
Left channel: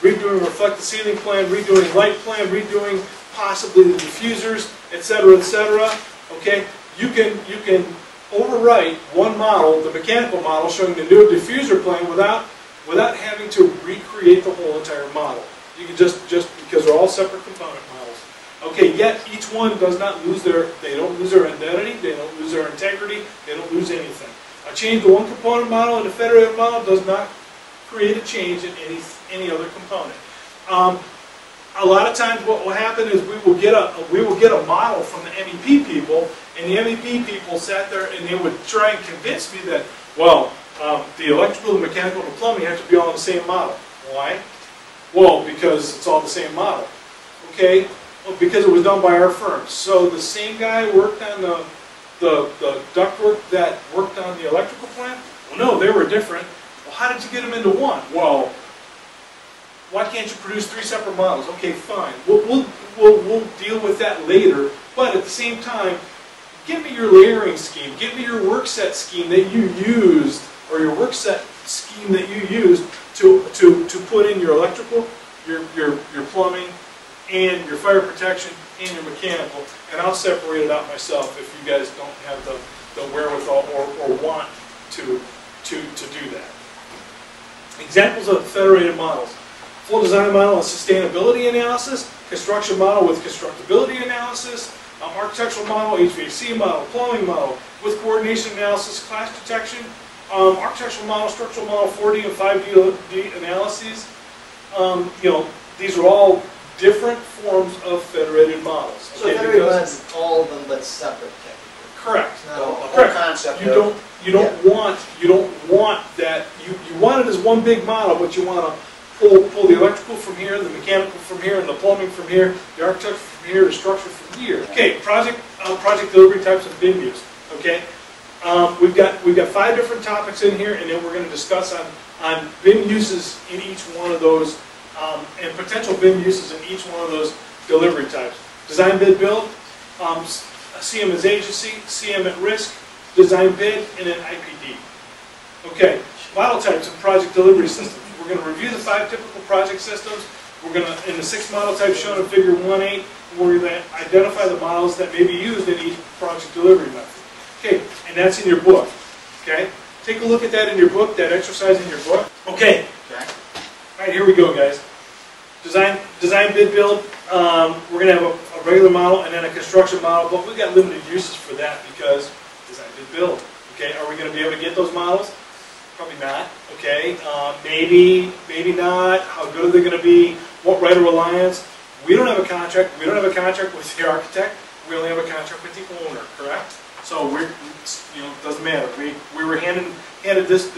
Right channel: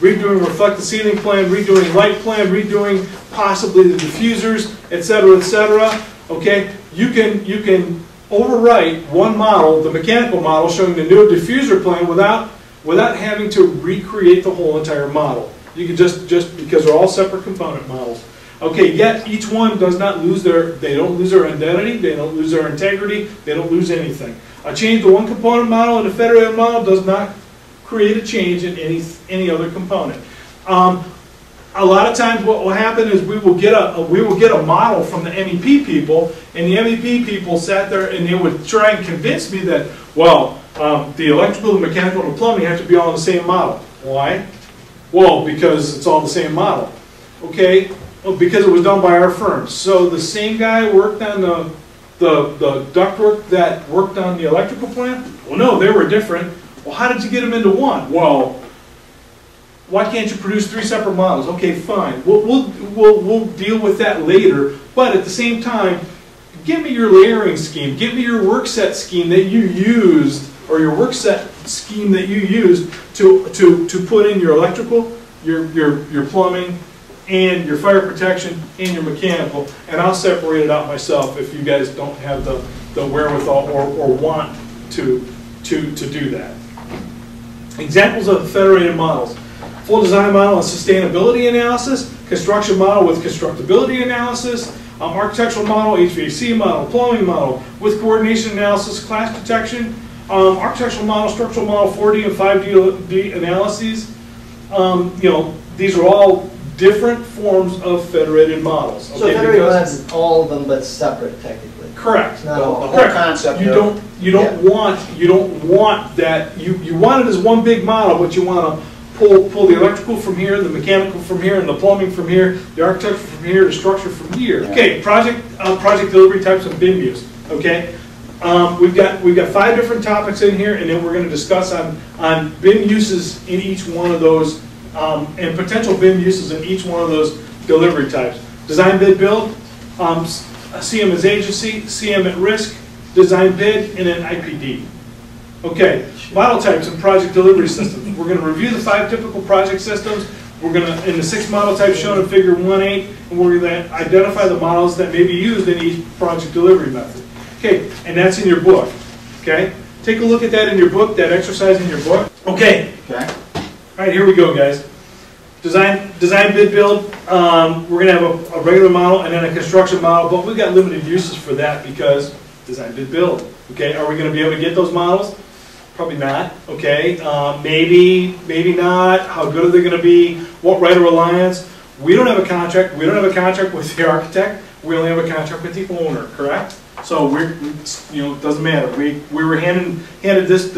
redoing reflected ceiling plan, redoing light plan, redoing possibly the diffusers, etc., etc. Okay, you can overwrite one model, the mechanical model, showing the new diffuser plan without having to recreate the whole entire model. You can just because they're all separate component models. Okay, yet each one does not lose they don't lose their identity, they don't lose their integrity, they don't lose anything. A change to one component model in a federated model does not create a change in any other component. A lot of times what will happen is we will get a model from the MEP people, and the MEP people sat there and they would try and convince me that, well, the electrical, the mechanical, and the plumbing have to be all in the same model. Why? Well, because it's all the same model. Okay? Well, because it was done by our firm. So the same guy worked on the ductwork that worked on the electrical plant? Well, no, they were different. Well, how did you get them into one? Well, why can't you produce 3 separate models? Okay, fine. We'll deal with that later. But at the same time, give me your layering scheme. Give me your work set scheme that you used, or your work set scheme that you used to put in your electrical, your plumbing, and your fire protection, and your mechanical. And I'll separate it out myself if you guys don't have the wherewithal or want to do that. Examples of federated models. Full design model and sustainability analysis, construction model with constructability analysis, architectural model, HVAC model, plumbing model with coordination analysis, clash detection, architectural model, structural model, 4D and 5D analyses. These are all different forms of federated models. So federated models is all of them but separate technically. Correct. The whole Correct. concept. You don't want that. You want it as one big model, but you want to pull the electrical from here, the mechanical from here, and the plumbing from here, the architecture from here, the structure from here. Okay, project delivery types of BIM use. Okay, we've got 5 different topics in here, and then we're going to discuss on BIM uses in each one of those, and potential BIM uses in each one of those delivery types. Design, bid, build, CM as agency, CM at risk, design bid, and then IPD. Okay, model types and project delivery systems. We're going to review the 5 typical project systems. We're going to, in the 6 model types shown in Figure 1.8, and we're going to identify the models that may be used in each project delivery method. Okay, and that's in your book. Okay, Take a look at that in your book, that exercise in your book. Okay. Okay. All right, here we go, guys. Design, bid, build. We're going to have a regular model and then a construction model, but we've got limited uses for that because design, bid, build. Okay, are we going to be able to get those models? Probably not. Okay, maybe not. How good are they going to be? What right of reliance? We don't have a contract. We don't have a contract with the architect. We only have a contract with the owner. Correct? So it doesn't matter. We were handed this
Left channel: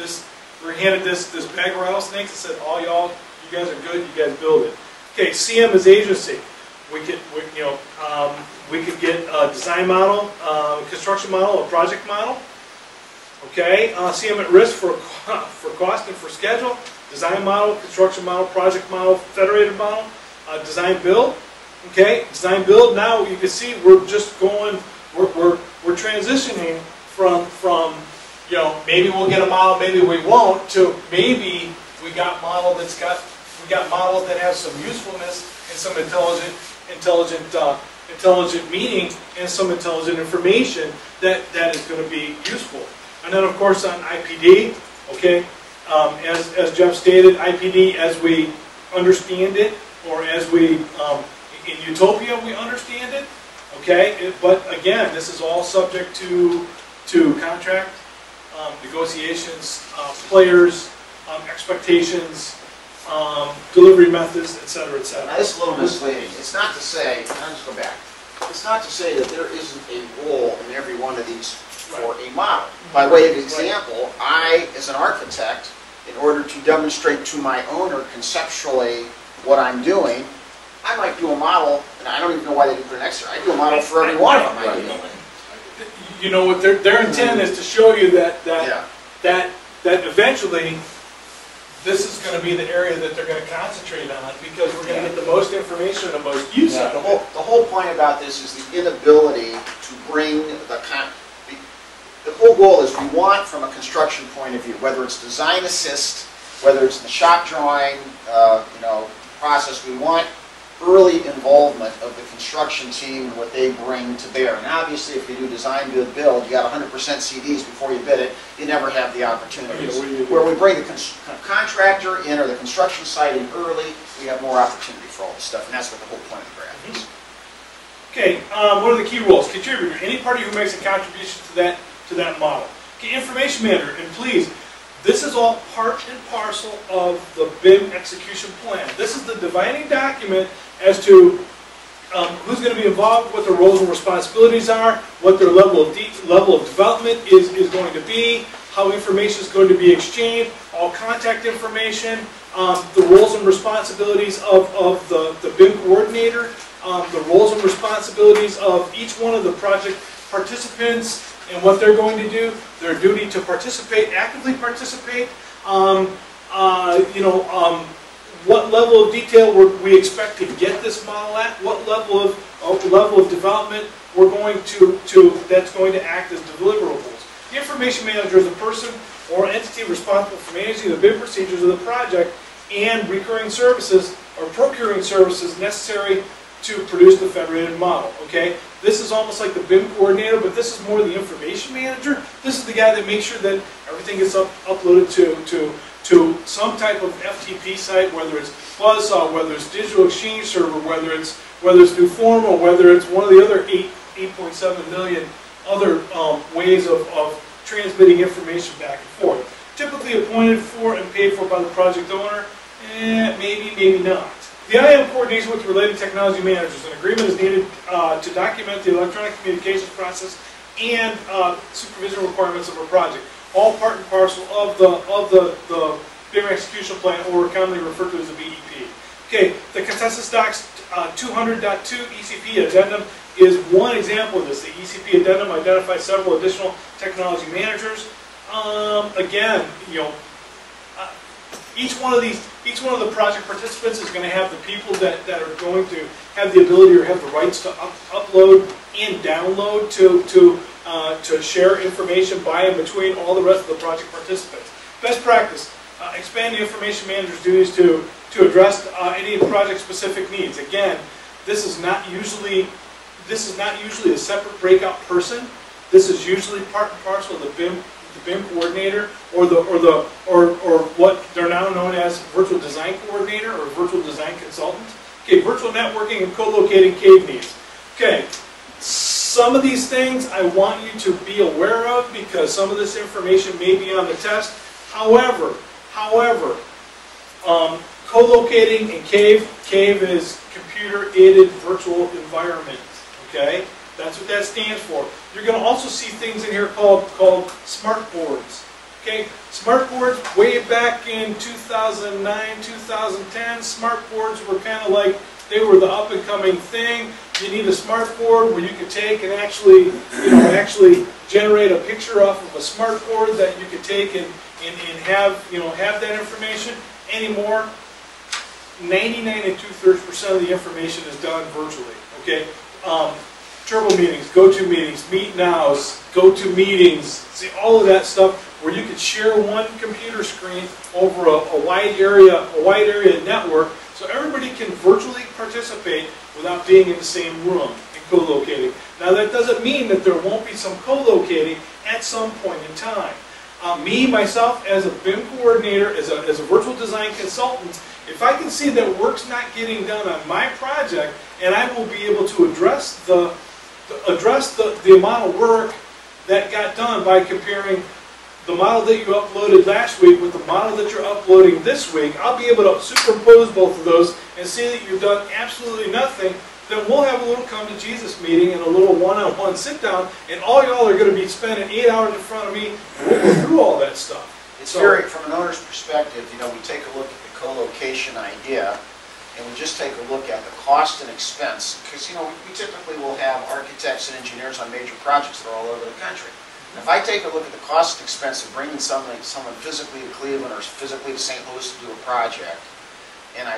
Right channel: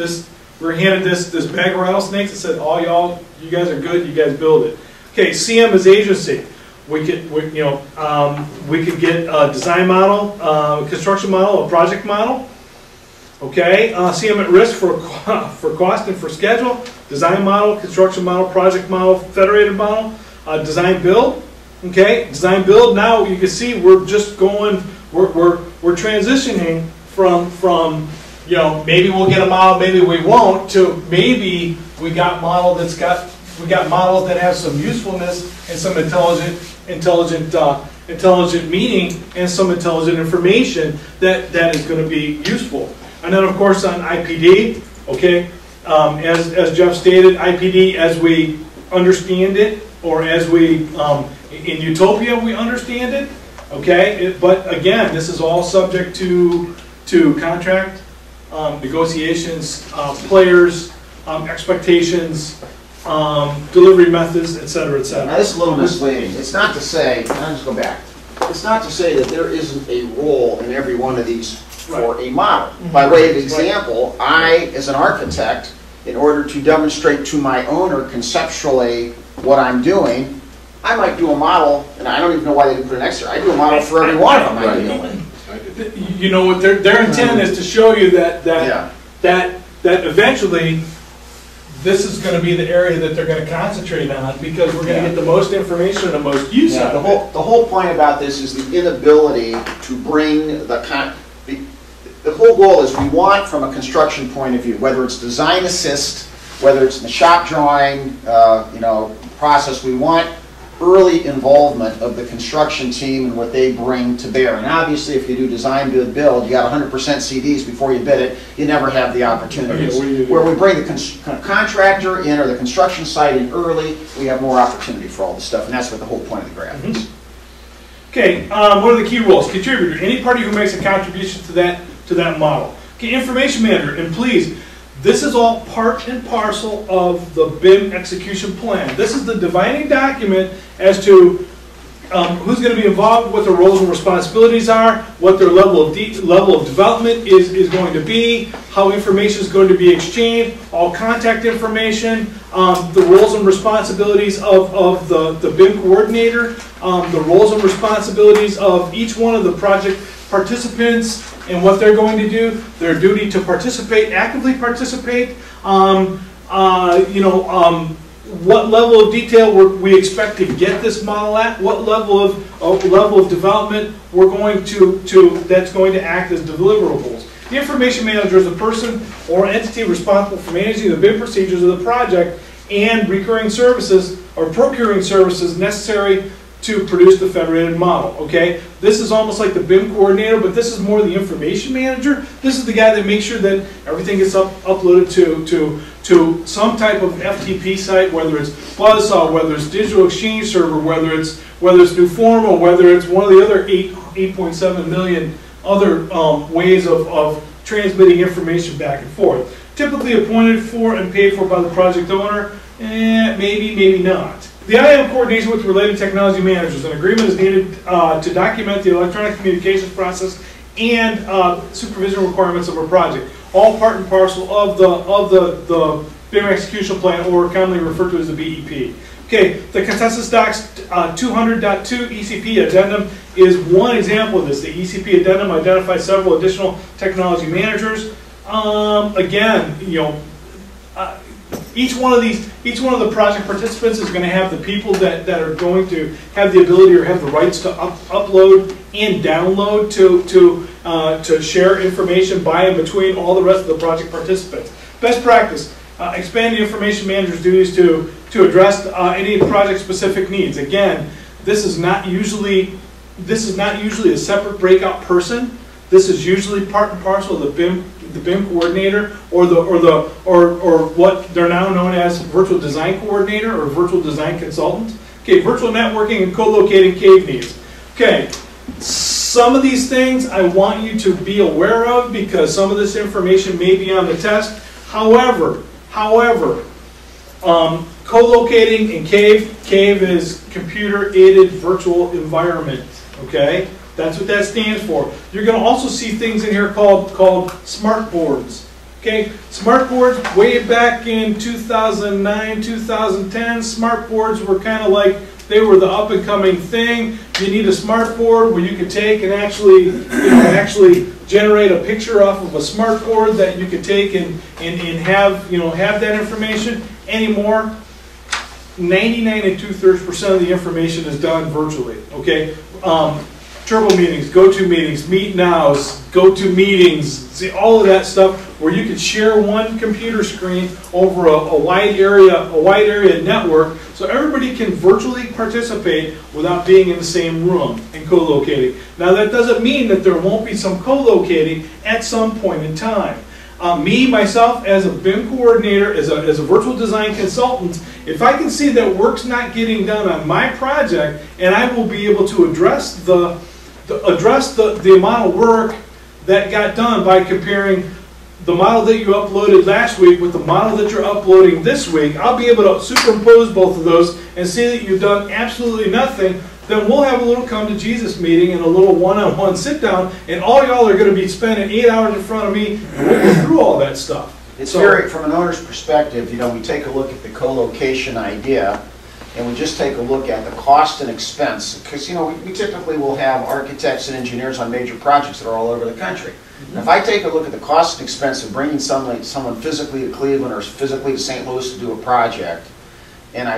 bag of rattlesnakes and said, "All y'all, you guys are good. You guys build it." Okay, CM is agency. We could get a design model, construction model, a project model. Okay, CM at risk for cost and for schedule. Design model, construction model, project model, federated model, design build. Okay, design build. Now you can see we're just going. We're transitioning from maybe we'll get a model, maybe we won't, to maybe we got models that have some usefulness and some intelligent meaning and some intelligent information that is going to be useful. And then of course on IPD, okay, as Jeff stated, IPD as we understand it, or as we in Utopia we understand it. Okay, but again, this is all subject to contract, negotiations, players, expectations, delivery methods, etc., etc. Now this is a little misleading. It's not to say, I'll just go back. It's not to say that there isn't a role in every one of these for a model. By way of example, I, as an architect, in order to demonstrate to my owner conceptually what I'm doing, I might do a model, and I don't even know why they didn't put an extra. I do a model for every one of them. Right. You know what their intent is to show you that eventually this is going to be the area that they're going to concentrate on because we're going to get the most information and the most use out of it. The whole point about this is the inability to bring the whole goal is we want, from a construction point of view, whether it's design assist, whether it's in the shop drawing, process, we want early involvement of the construction team and what they bring to bear. And obviously, if you do design, bid, build, you got 100% CDs before you bid it, you never have the opportunities. Where we bring the contractor in or the construction site in early, we have more opportunity for all this stuff, and that's what the whole point of the graph is. Okay, what are the key roles? Contributor, any party who makes a contribution to that model. Okay, information manager, and please, this is all part and parcel of the BIM execution plan. This is the defining document as to who's going to be involved, what their roles and responsibilities are, what their level of development is going to be, how information is going to be exchanged, all contact information, the roles and responsibilities of the BIM coordinator, the roles and responsibilities of each one of the project participants, and what they're going to do, their duty to participate, actively participate, what level of detail we expect to get this model at, what level of development we're going that's going to act as deliverables. The information manager is a person or entity responsible for managing the BIM procedures of the project and recurring services or procuring services necessary to produce the federated model, okay? This is almost like the BIM coordinator, but this is more the information manager. This is the guy that makes sure that everything gets uploaded to some type of FTP site, whether it's Buzzsaw, whether it's Digital Exchange Server, whether it's Newformal, whether it's one of the other 8.7 million other ways of transmitting information back and forth. Typically appointed for and paid for by the project owner, maybe, maybe not. The IAM coordinates with related technology managers. An agreement is needed to document the electronic communications process and supervision requirements of a project. All part and parcel of the BIM execution plan, or commonly referred to as the BEP. Okay, the consensus docs 200.2 ECP addendum is one example of this. The ECP addendum identifies several additional technology managers. Again, each one of the project participants is going to have the people that are going to have the ability or have the rights to upload and download to share information by and between all the rest of the project participants. Best practice: expand the information manager's duties to address any project-specific needs. Again, this is not usually a separate breakout person. This is usually part and parcel of the BIM coordinator, or what they're now known as virtual design coordinator or virtual design consultant. Okay, virtual networking and co-locating cave needs. Okay, some of these things I want you to be aware of because some of this information may be on the test. However, co-locating and cave is computer-aided virtual environment. Okay, that's what that stands for. You're going to also see things in here called smart boards. Okay, smart boards way back in 2009, 2010. Smart boards were kind of like, they were the up-and-coming thing. You need a smart board where you can take and actually, actually generate a picture off of a smart board that you could take and have, have that information. Anymore, 99 2/3% of the information is done virtually. Okay, turbo meetings, go-to meetings, meet nows, go-to meetings, see all of that stuff where you can share one computer screen over a wide area network, so everybody can virtually participate without being in the same room and co-locating. Now that doesn't mean that there won't be some co-locating at some point in time. Myself, as a BIM coordinator, as a virtual design consultant, if I can see that work's not getting done on my project, and I will be able to address the amount of work that got done by comparing the model that you uploaded last week with the model that you're uploading this week, I'll be able to superimpose both of those and see that you've done absolutely nothing. Then we'll have a little come to Jesus meeting and a little one-on-one sit down, and all y'all are going to be spending 8 hours in front of me, and we'll go through all that stuff. It's very, from an owner's perspective, we take a look at the co-location idea, and we just take a look at the cost and expense, because we typically will have architects and engineers on major projects that are all over the country. And if I take a look at the cost and expense of bringing someone physically to Cleveland or physically to St. Louis to do a project, and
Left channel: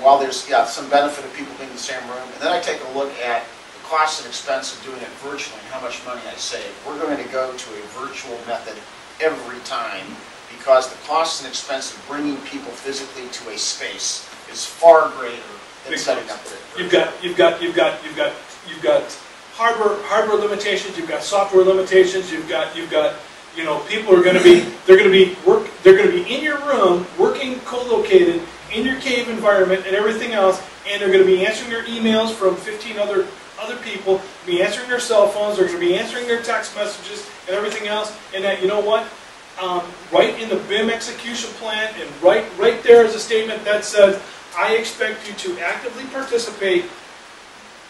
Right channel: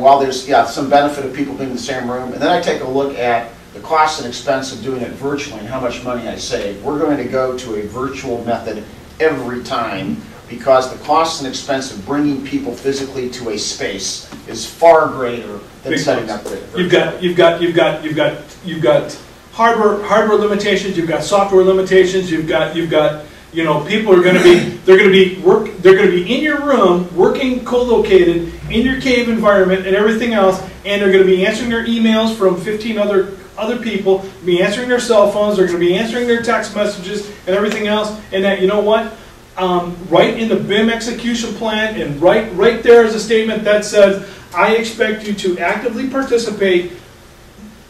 while there's some benefit of people being in the same room, and then I take a look at the cost and expense of doing it virtually and how much money I save, we're going to go to a virtual method every time, because the cost and expense of bringing people physically to a space is far greater than setting up the You've got hardware limitations, you've got software limitations, you've got people are going to be in your room working co-located in your cave environment and everything else, and they're going to be answering their emails from 15 other people, be answering their cell phones, they're going to be answering their text messages and everything else, and that, right in the BIM execution plan, and right there is a statement that says, I expect you to actively participate.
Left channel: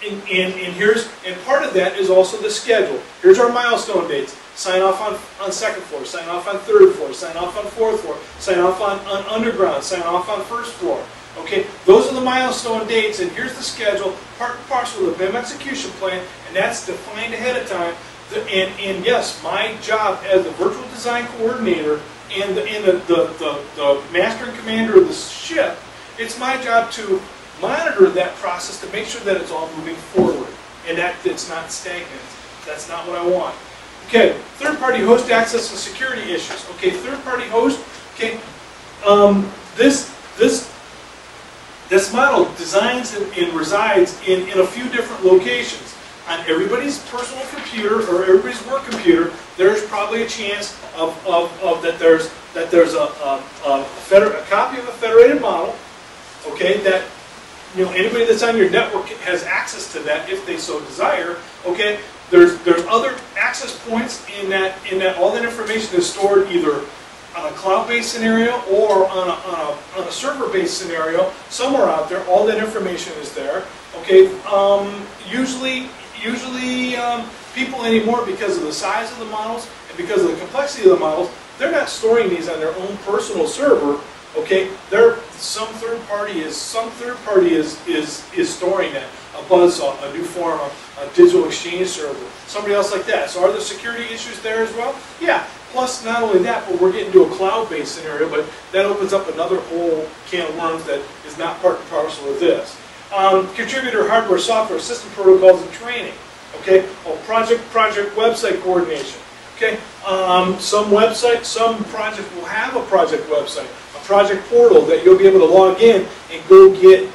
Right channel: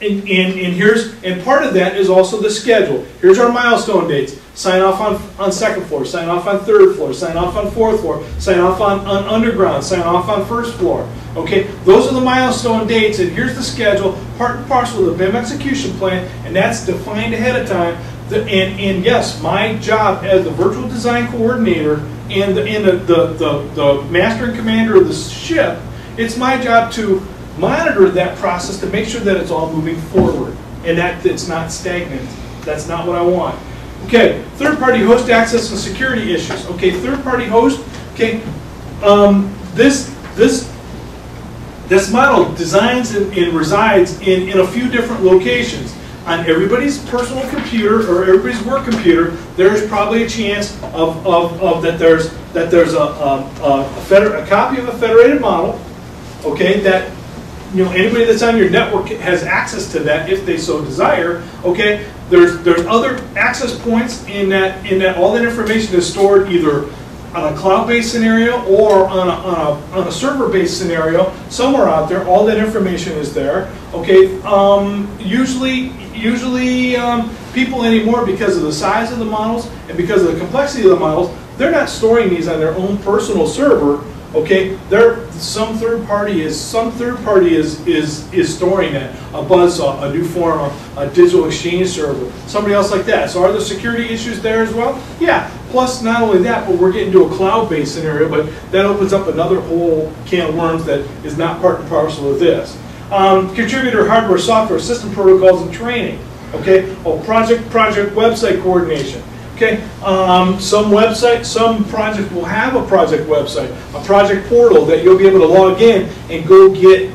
And part of that is also the schedule. Here's our milestone dates. Sign off on second floor, sign off on third floor, sign off on fourth floor, sign off on underground, sign off on first floor. Okay, those are the milestone dates, and here's the schedule, part and parcel of the BIM execution plan, and that's defined ahead of time. And yes, my job as the virtual design coordinator and the master and commander of the ship, it's my job to monitor that process to make sure that it's all moving forward and that it's not stagnant. That's not what I want. Okay, third-party host access and security issues. Okay, third-party host. Okay, this model designs and resides in a few different locations. On everybody's personal computer or everybody's work computer, there's probably a chance that there's a copy of a federated model. Okay, that anybody that's on your network has access to that if they so desire. Okay, there's other access points in that all that information is stored either on a cloud-based scenario or on a server-based scenario somewhere out there. All that information is there. Okay, usually people anymore, because of the size of the models and because of the complexity of the models, they're not storing these on their own personal server. Okay, some third party is storing that, a Buzzsaw, a New Form, a digital exchange server, somebody else like that. So are there security issues there as well? Yeah. Plus, not only that, but we're getting to a cloud-based scenario, but that opens up another whole can of worms that is not part and parcel of this. Contributor hardware, software, system protocols, and training. Okay. Project website coordination. Okay, some project will have a project website, a project portal that you'll be able to log in and go get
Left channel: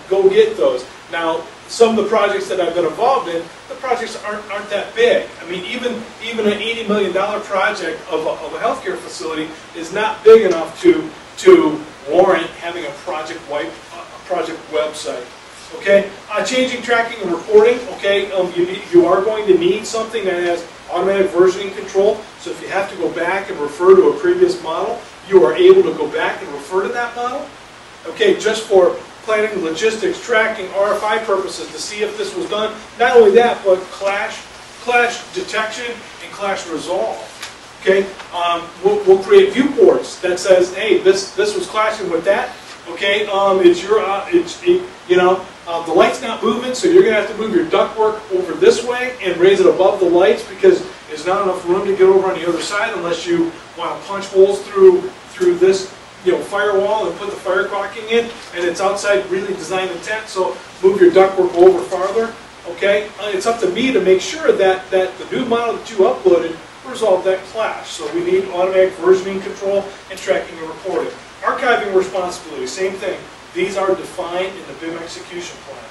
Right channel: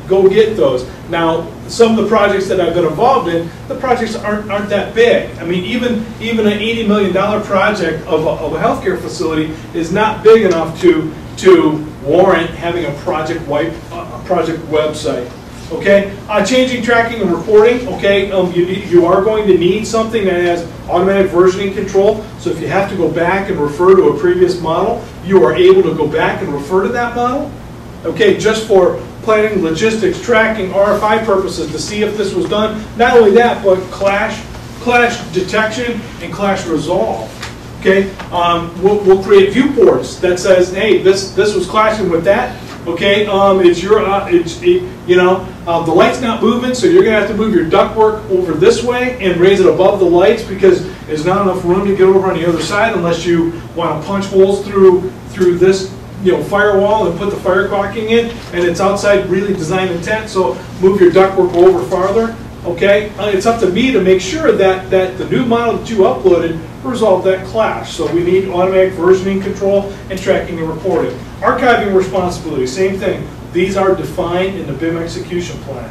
those. Now, some of the projects that I've been involved in, the projects aren't that big. I mean, even an $80 million project of a healthcare facility is not big enough to warrant having a project website. Okay, changing, tracking, and reporting. Okay, you are going to need something that has automatic versioning control. So if you have to go back and refer to a previous model, you are able to go back and refer to that model. Okay, just for planning, logistics, tracking, RFI purposes to see if this was done. Not only that, but clash detection and clash resolve. Okay, we'll create viewports that says, hey, this was clashing with that. Okay, the light's not moving, so you're going to have to move your ductwork over this way and raise it above the lights because there's not enough room to get over on the other side unless you want to punch holes through this firewall and put the fire caulking in, and it's outside really design intent, so move your ductwork over farther. Okay, it's up to me to make sure that the new model that you uploaded resolved that clash. So we need automatic versioning control and tracking and reporting. Archiving responsibility, same thing. These are defined in the BIM execution plan.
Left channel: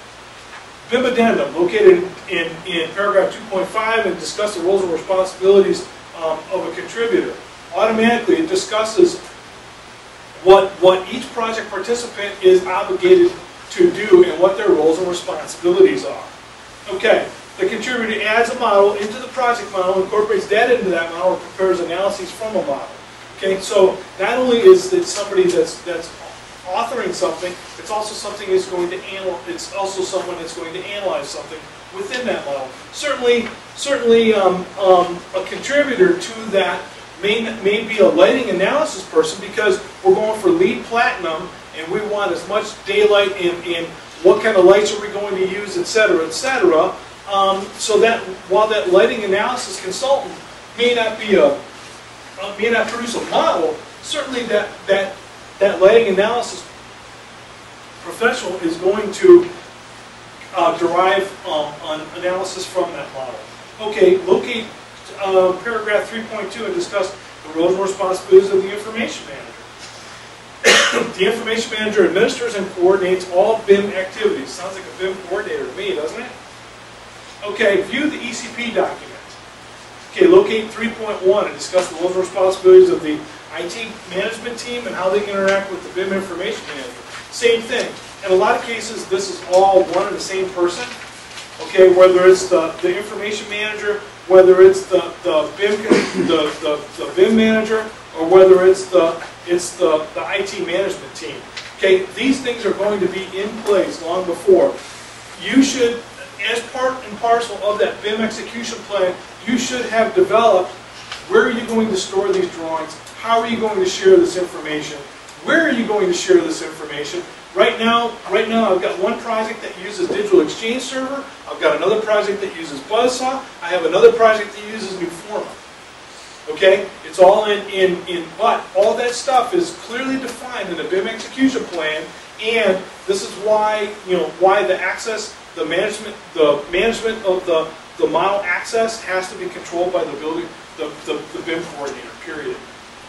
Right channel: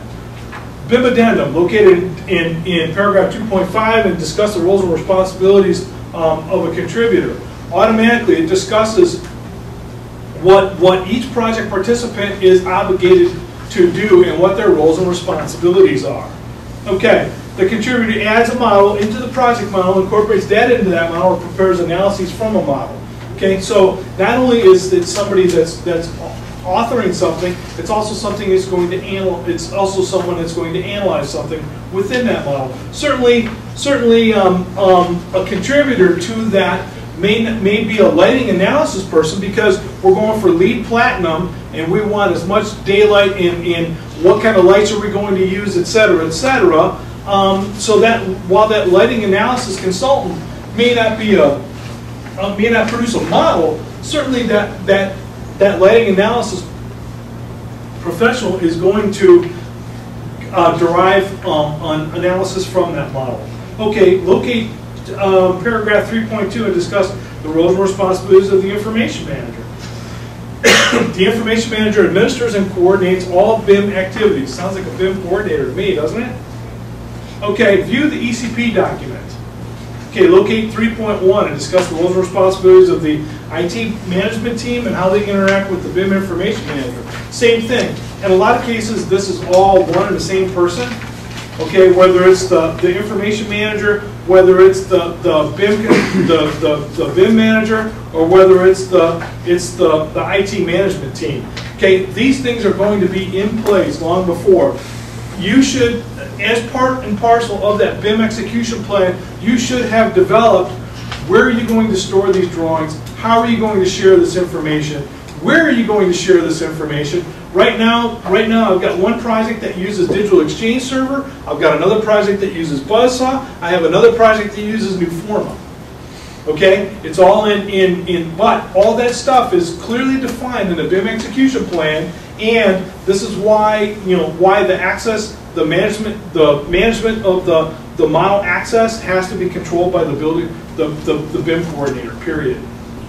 BIM addendum, located in paragraph 2.5, and discuss the roles and responsibilities of a contributor. Automatically, it discusses what each project participant is obligated to do and what their roles and responsibilities are. Okay, the contributor adds a model into the project model, incorporates data into that model, and prepares analyses from a model. Okay, so not only is it somebody that's authoring something, it's also something that's going to it's also someone that's going to analyze something within that model. Certainly, a contributor to that may be a lighting analysis person, because we're going for LEED Platinum and we want as much daylight in what kind of lights are we going to use, et cetera, et cetera. So that while that lighting analysis consultant may not produce a model, certainly that lighting analysis professional is going to derive an analysis from that model. Okay, locate paragraph 3.2 and discuss the roles and responsibilities of the information manager. The information manager administers and coordinates all BIM activities. Sounds like a BIM coordinator to me, doesn't it? Okay, view the ECP document. Okay, locate 3.1 and discuss the roles and responsibilities of the IT management team and how they interact with the BIM information manager. Same thing. In a lot of cases, this is all one and the same person. Okay, whether it's the information manager, whether it's the BIM manager, or whether it's the IT management team. Okay, these things are going to be in place long before. You should, as part and parcel of that BIM execution plan, you should have developed where are you going to store these drawings, how are you going to share this information, where are you going to share this information. Right now I've got one project that uses Digital Exchange Server, I've got another project that uses Buzzsaw, I have another project that uses Newforma. Okay, it's all but all that stuff is clearly defined in the BIM execution plan, and this is why why the management of the model access has to be controlled by the BIM coordinator. Period.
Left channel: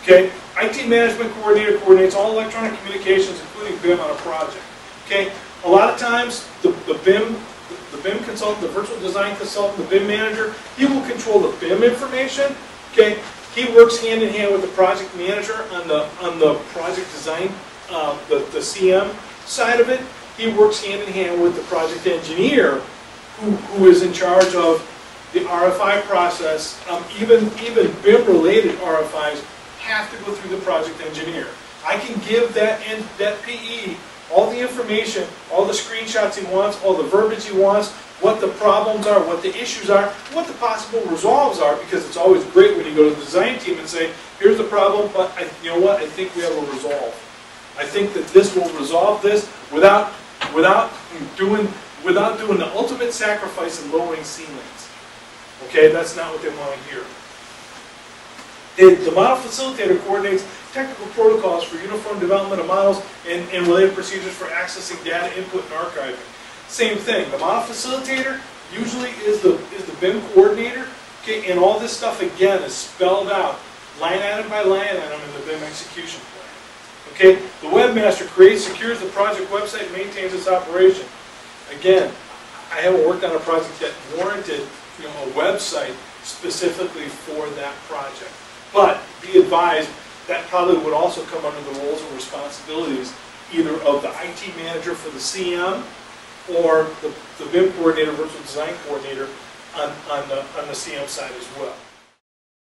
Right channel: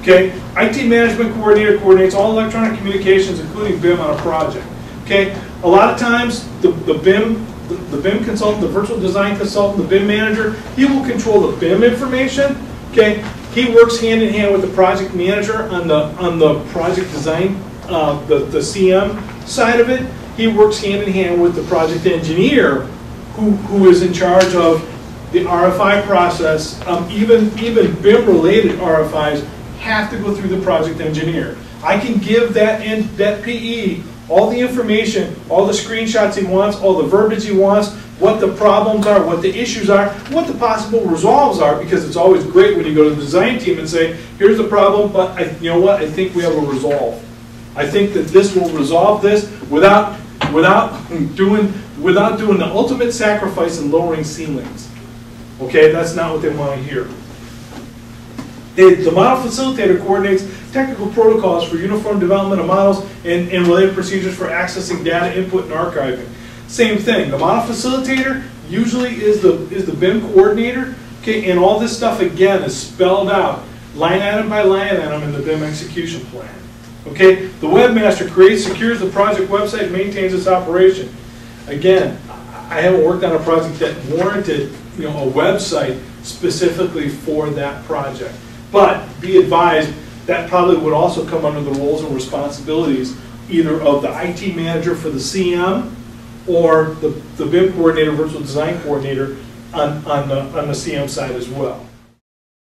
Okay, IT management coordinator coordinates all electronic communications, including BIM, on a project. Okay, a lot of times the BIM consultant, the virtual design consultant, the BIM manager, he will control the BIM information. Okay, he works hand in hand with the project manager on the project design, the CM side of it. He works hand in hand with the project engineer, who is in charge of the RFI process. Even BIM related RFIs have to go through the project engineer. I can give that PE all the information, all the screenshots he wants, all the verbiage he wants, what the problems are, what the issues are, what the possible resolves are, because it's always great when you go to the design team and say, here's the problem, but you know what, I think we have a resolve. I think that this will resolve this without doing the ultimate sacrifice and lowering ceilings. Okay, that's not what they want to hear. The model facilitator coordinates technical protocols for uniform development of models and related procedures for accessing data input and archiving. Same thing. The model facilitator usually is the BIM coordinator. Okay, and all this stuff again is spelled out line item by line item in the BIM execution plan. Okay, the webmaster creates, secures the project website, and maintains its operation. Again, I haven't worked on a project that warranted, you know, a website specifically for that project. But be advised, that probably would also come under the roles and responsibilities either of the IT manager for the CM or the BIM coordinator, virtual design coordinator on the CM side as well.